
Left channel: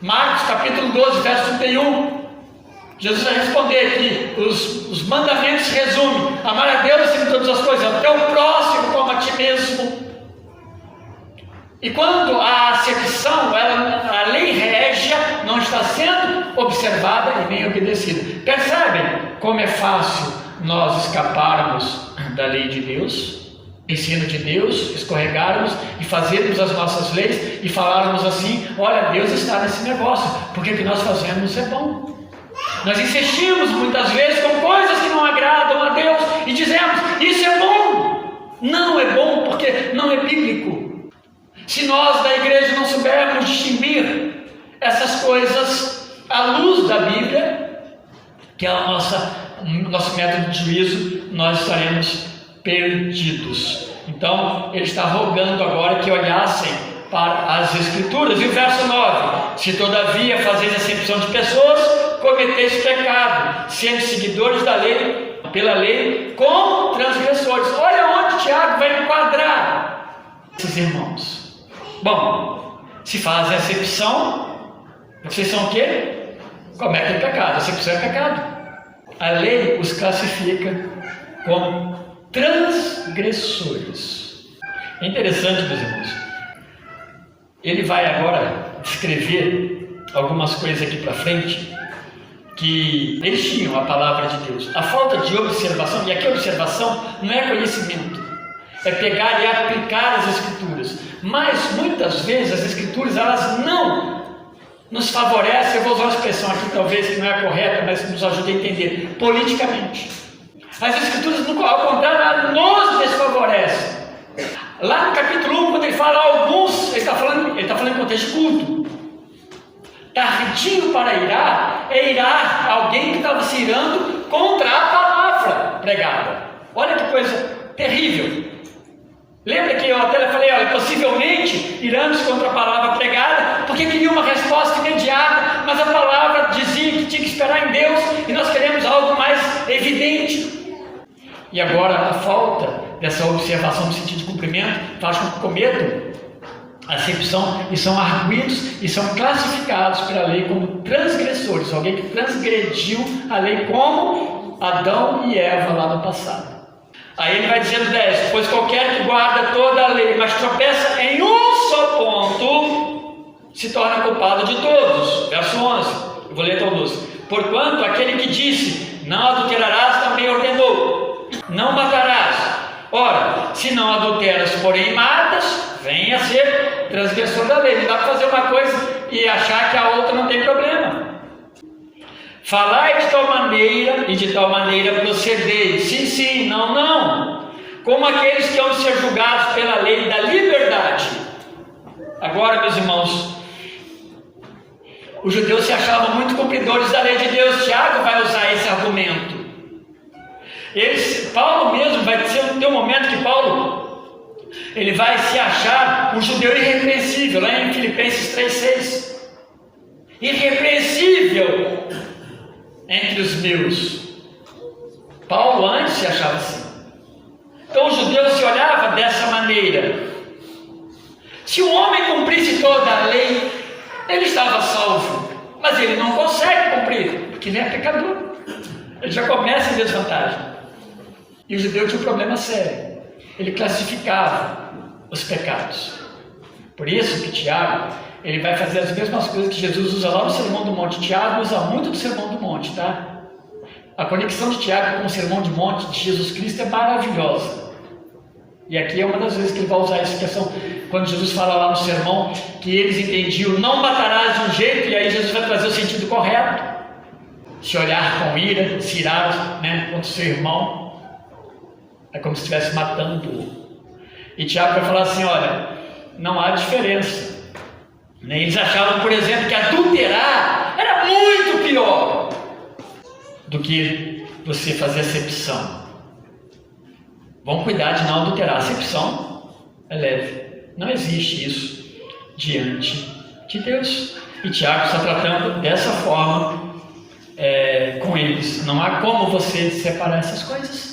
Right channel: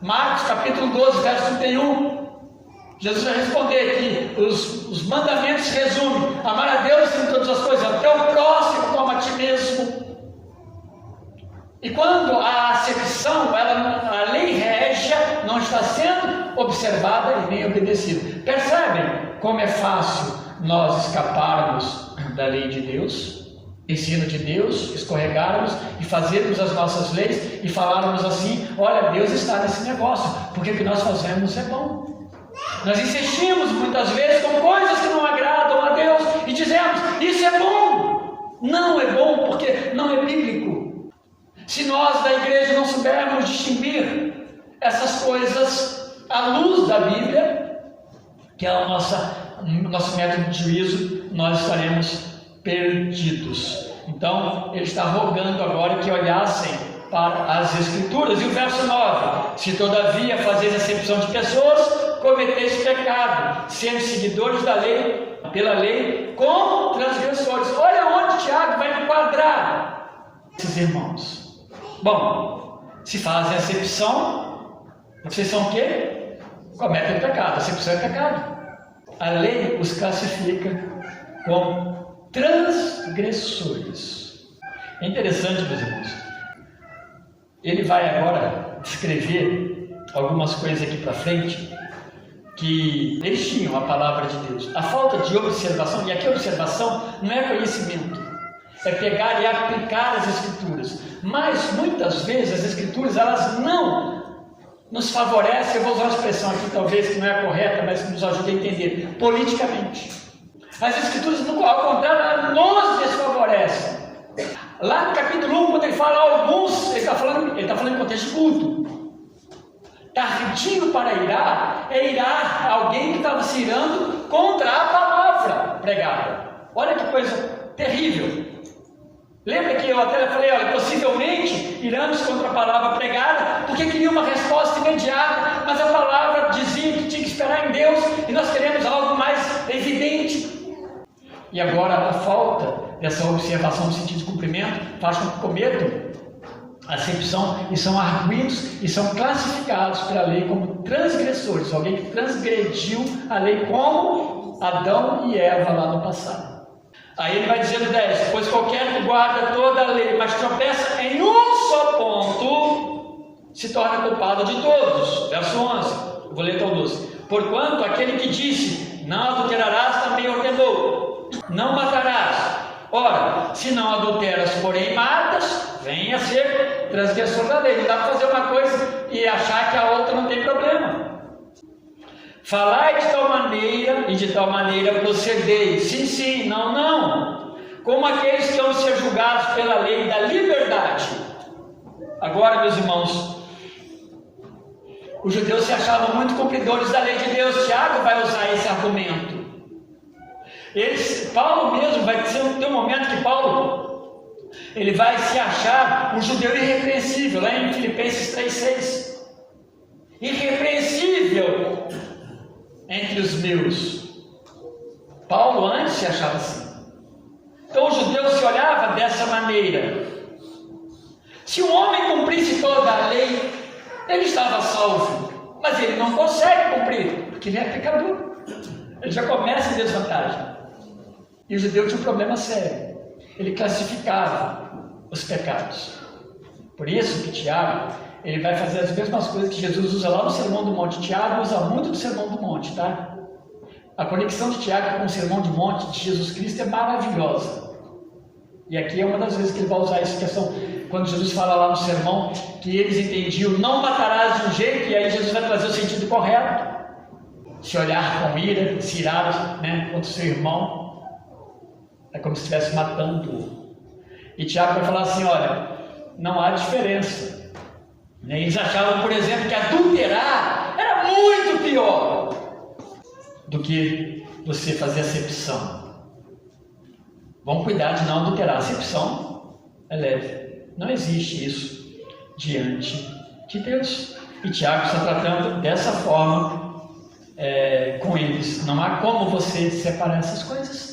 Marcos capítulo 12, verso 31. Jesus vai responder aqui, os mandamentos se resumem: amar a Deus acima de todas as coisas, ao teu próximo como a ti mesmo. E quando a acepção, a lei régia, não está sendo observada e nem obedecida. Percebem como é fácil nós escaparmos da lei de Deus, ensino de Deus, escorregarmos e fazermos as nossas leis e falarmos assim: olha, Deus está nesse negócio, porque o que nós fazemos é bom. Nós insistimos muitas vezes com coisas que não agradam a Deus e dizemos: isso é bom. Não é bom porque não é bíblico. Se nós da igreja não soubermos distinguir essas coisas à luz da Bíblia, que é o nosso método de juízo, nós estaremos perdidos. Então, ele está rogando agora que olhassem para as Escrituras. E o verso 9: se todavia fazeis acepção de pessoas, cometeis pecado, sendo seguidores da lei, pela lei, como transgressores. Olha onde Tiago vai enquadrar esses irmãos. Bom, se fazem acepção, vocês são o quê? Cometem pecado. Acepção é pecado. A lei os classifica como transgressores. É interessante, meus irmãos. Ele vai agora descrever algumas coisas aqui para frente que eles tinham a palavra de Deus. A falta de observação, e aqui a observação não é conhecimento, é pegar e aplicar as Escrituras. Mas muitas vezes as Escrituras elas não nos favorecem. Eu vou usar uma expressão aqui talvez que não é correta, mas que nos ajuda a entender politicamente. As Escrituras, ao contrário, nos desfavorecem. Lá no capítulo 1, quando ele fala alguns, ele está falando em contexto de culto. Tardinho para irar é irar alguém que estava se irando contra a palavra pregada. Olha que coisa terrível. Lembra que eu até falei, olha, possivelmente iramos contra a palavra pregada, porque queria uma resposta imediata, mas a palavra dizia que tinha que esperar em Deus, e nós queremos algo mais evidente. E agora a falta dessa observação no sentido de cumprimento faz com que cometam acepção e são arguidos e são classificados pela lei como transgressores, alguém que transgrediu a lei como Adão e Eva lá no passado. Aí ele vai dizer no 10: pois qualquer que guarda toda a lei, mas tropeça em um só ponto, se torna culpado de todos. Verso 11, eu vou ler todos. Porquanto aquele que disse, não adulterarás, também ordenou, não matarás. Ora, se não adulteras, porém matas, vem a ser transgressor da lei. Não dá para fazer uma coisa e achar que a outra não tem problema. Falai de tal maneira e de tal maneira procedeis. Sim, sim, não, não. Como aqueles que vão ser julgados pela lei da liberdade. Agora, meus irmãos, os judeus se achavam muito cumpridores da lei de Deus. Tiago vai usar esse argumento. Paulo mesmo vai ter um momento que Paulo ele vai se achar um judeu irrepreensível, lá em Filipenses 3,6. Irrepreensível entre os meus. Paulo antes se achava assim. Então o judeu se olhava dessa maneira. Se o homem cumprisse toda a lei, ele estava salvo, mas ele não consegue cumprir, porque ele é pecador. Ele já começa em desvantagem. E o judeu tinha um problema sério. Ele classificava os pecados. Por isso que Tiago, ele vai fazer as mesmas coisas que Jesus usa lá no Sermão do Monte. Tiago usa muito do Sermão do Monte, tá? A conexão de Tiago com o Sermão do Monte de Jesus Cristo é maravilhosa. E aqui é uma das vezes que ele vai usar essa expressão, quando Jesus fala lá no sermão, que eles entendiam, não matarás de um jeito, e aí Jesus vai trazer o sentido correto. Se olhar com ira, se irar, contra o seu irmão, é como se estivesse matando-o. E Tiago vai falar assim, olha, não há diferença. Eles achavam, por exemplo, que adulterar era muito pior do que você fazer acepção. Vamos cuidar de não adulterar. A acepção é leve. Não existe isso diante de Deus. E Tiago está tratando dessa forma com eles. Não há como você separar essas coisas.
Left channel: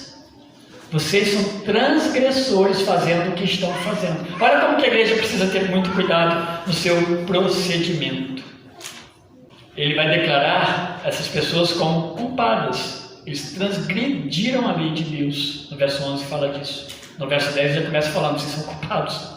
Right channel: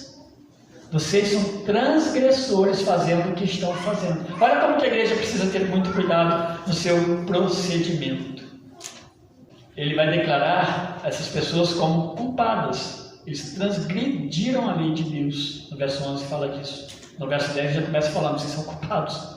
Vocês são transgressores fazendo o que estão fazendo. Olha como que a igreja precisa ter muito cuidado no seu procedimento. Ele vai declarar essas pessoas como culpadas. Eles transgrediram a lei de Deus. No verso 11 fala disso. No verso 10 já começa falando, vocês são culpados.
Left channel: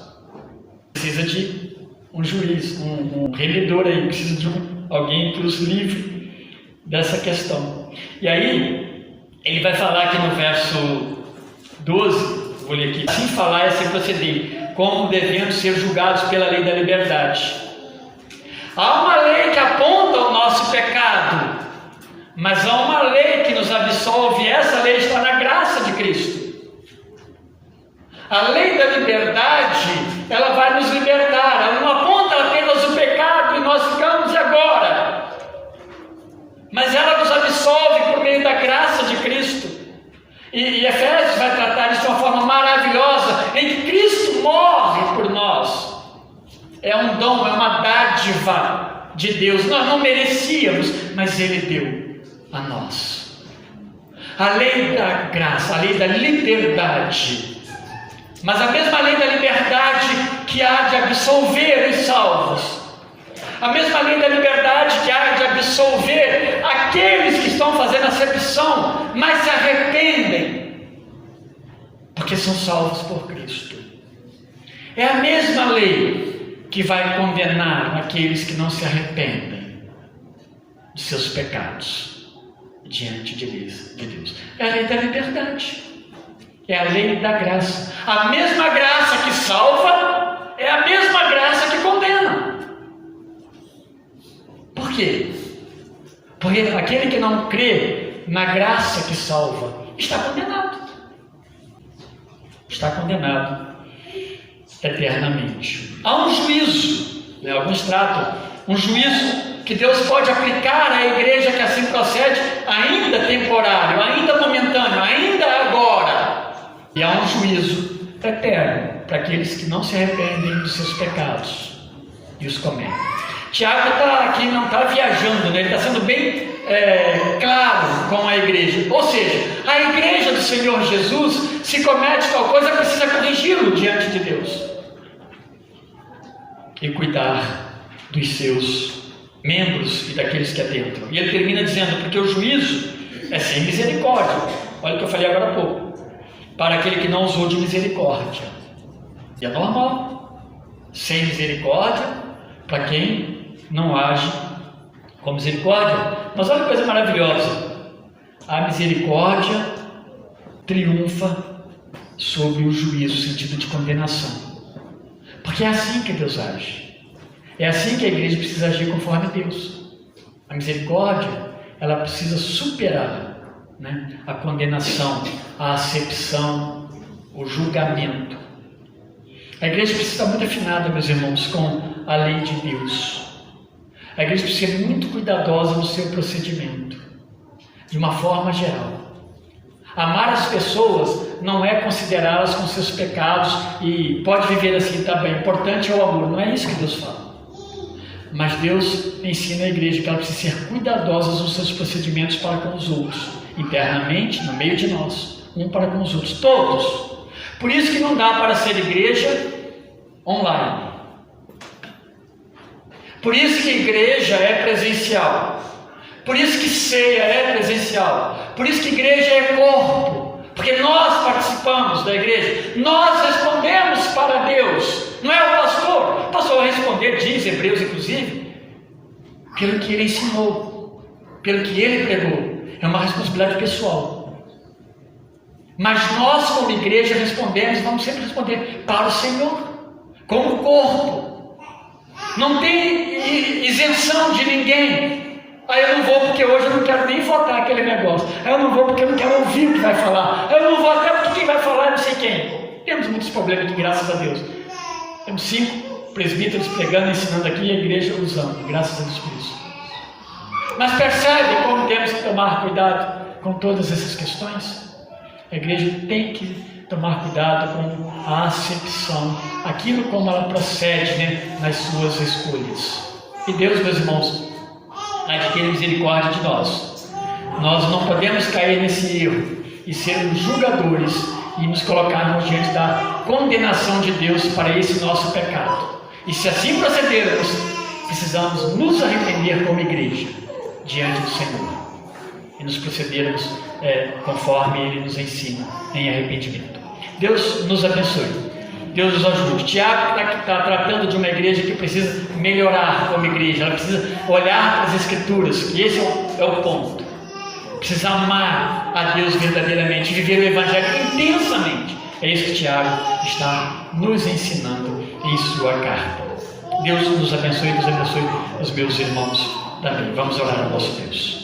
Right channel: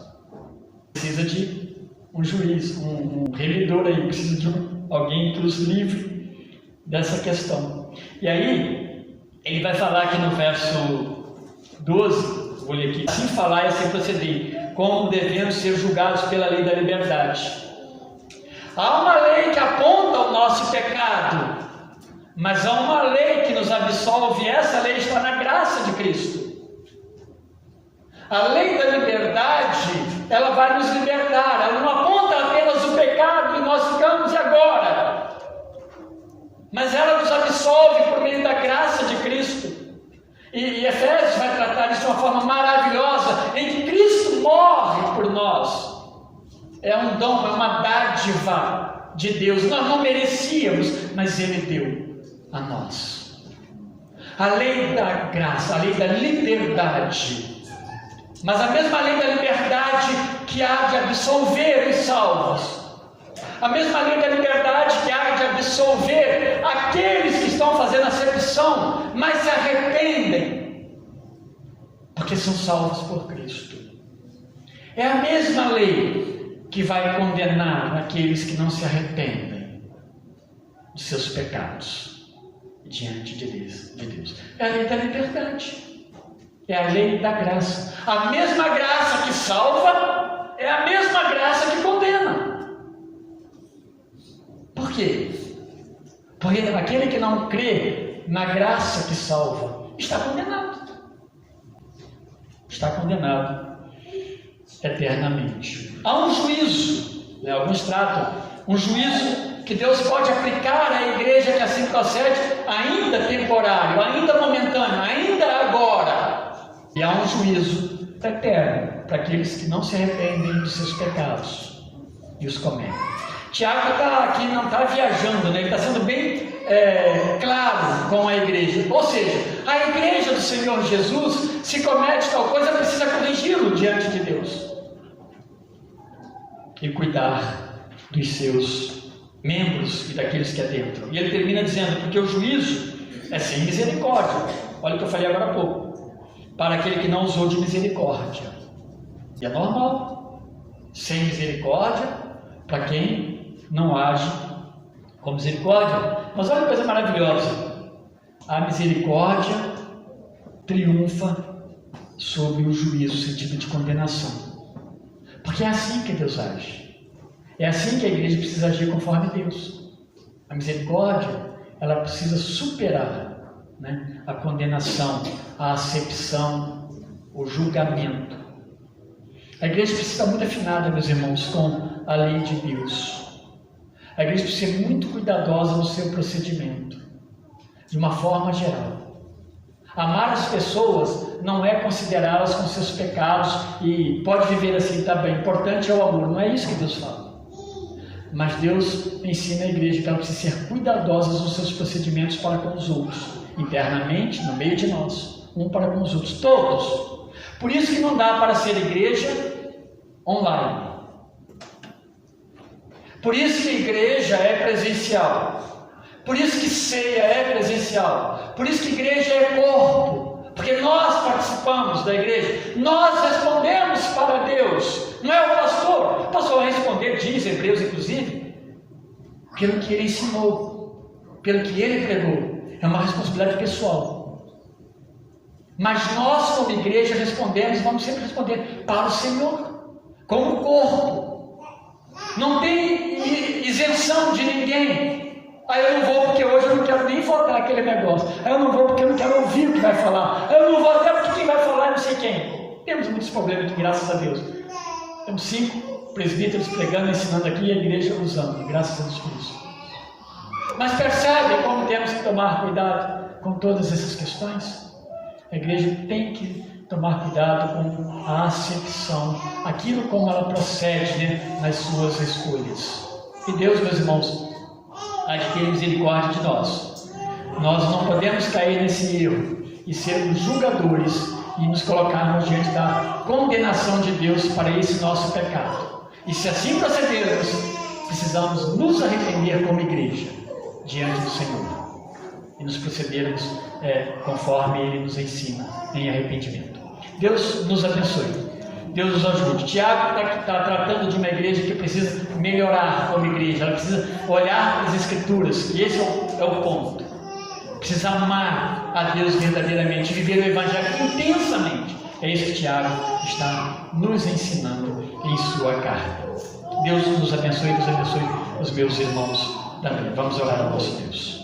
Precisa de um juiz, um remedor aí, precisa de alguém que os livre dessa questão. E aí, ele vai falar aqui no verso 12, vou ler aqui, assim falar e assim proceder, como devendo ser julgados pela lei da liberdade. Há uma lei que aponta o nosso pecado, mas há uma lei que nos absolve, e essa lei está na graça de Cristo. A lei da liberdade, ela vai nos libertar, ela não aponta apenas o pecado e nós ficamos agora, mas ela nos absolve por meio da graça de Cristo. E Efésios vai tratar isso de uma forma maravilhosa, em que Cristo morre por nós. É um dom, é uma dádiva de Deus. Nós não merecíamos, mas Ele deu a nós. A lei da graça, a lei da liberdade. Mas a mesma lei da liberdade que há de absolver os salvos. A mesma lei da liberdade que há de absolver aqueles que estão fazendo acepção, mas se arrependem, porque são salvos por Cristo. É a mesma lei que vai condenar aqueles que não se arrependem de seus pecados diante de Deus. É a lei da liberdade. É a lei da graça. A mesma graça que salva é a mesma graça que condena. Por quê? Porque aquele que não crê na graça que salva está condenado. Está condenado eternamente. Há um juízo, alguns tratam, um juízo que Deus pode aplicar à igreja que assim procede, ainda temporário, ainda momentâneo, ainda agora. E há um juízo eterno para aqueles que não se arrependem dos seus pecados e os cometem. Tiago está aqui, não está viajando, né? Ele está sendo bem claro com a igreja. Ou seja, a igreja do Senhor Jesus, se comete tal coisa, precisa corrigi-lo diante de Deus e cuidar dos seus membros e daqueles que adentram. E ele termina dizendo, porque o juízo é sem misericórdia. Olha o que eu falei agora há pouco. Para aquele que não usou de misericórdia. E é normal. Sem misericórdia, para quem não age com misericórdia. Mas olha que coisa maravilhosa. A misericórdia triunfa sobre o juízo, no sentido de condenação. Porque é assim que Deus age. É assim que a igreja precisa agir conforme Deus. A misericórdia, ela precisa superar, né, a condenação, a acepção, o julgamento. A igreja precisa estar muito afinada, meus irmãos, com a lei de Deus. A igreja precisa ser muito cuidadosa no seu procedimento, de uma forma geral. Amar as pessoas não é considerá-las com seus pecados e pode viver assim, tá bem, importante é o amor, não é isso que Deus fala. Mas Deus ensina a igreja que ela precisa ser cuidadosa nos seus procedimentos para com os outros, internamente, no meio de nós, um para com os outros, todos. Por isso que não dá para ser igreja online. Por isso que igreja é presencial. Por isso que ceia é presencial. Por isso que igreja é corpo. Porque nós participamos da igreja. Nós respondemos para Deus. Não é o pastor. O pastor vai responder, diz Hebreus inclusive, pelo que ele ensinou, pelo que ele pregou. É uma responsabilidade pessoal. Mas nós, como igreja, respondemos, vamos sempre responder para o Senhor, como corpo. Não tem isenção de ninguém. Aí eu não vou porque hoje eu não quero nem votar aquele negócio. Aí eu não vou porque eu não quero ouvir o que vai falar. Eu não vou até porque quem vai falar é não sei quem. Temos muitos problemas aqui, graças a Deus. Temos 5 presbíteros pregando, ensinando aqui e a igreja usando, graças a Deus por isso. Mas percebe como temos que tomar cuidado com todas essas questões? A igreja tem que tomar cuidado com a acepção, aquilo como ela procede, né, nas suas escolhas. E Deus, meus irmãos, há de ter misericórdia de nós. Nós não podemos cair nesse erro e sermos julgadores e nos colocarmos diante da condenação de Deus para esse nosso pecado. E se assim procedermos, precisamos nos arrepender como igreja diante do Senhor e nos procedermos conforme Ele nos ensina em arrependimento. Deus nos abençoe. Deus nos ajude. Tiago está tratando de uma igreja que precisa melhorar como igreja. Ela precisa olhar para as Escrituras. E esse é o ponto. Precisa amar a Deus verdadeiramente, viver o Evangelho intensamente. É isso que Tiago está nos ensinando em sua carta. Deus nos abençoe os meus irmãos também. Vamos orar ao nosso Deus.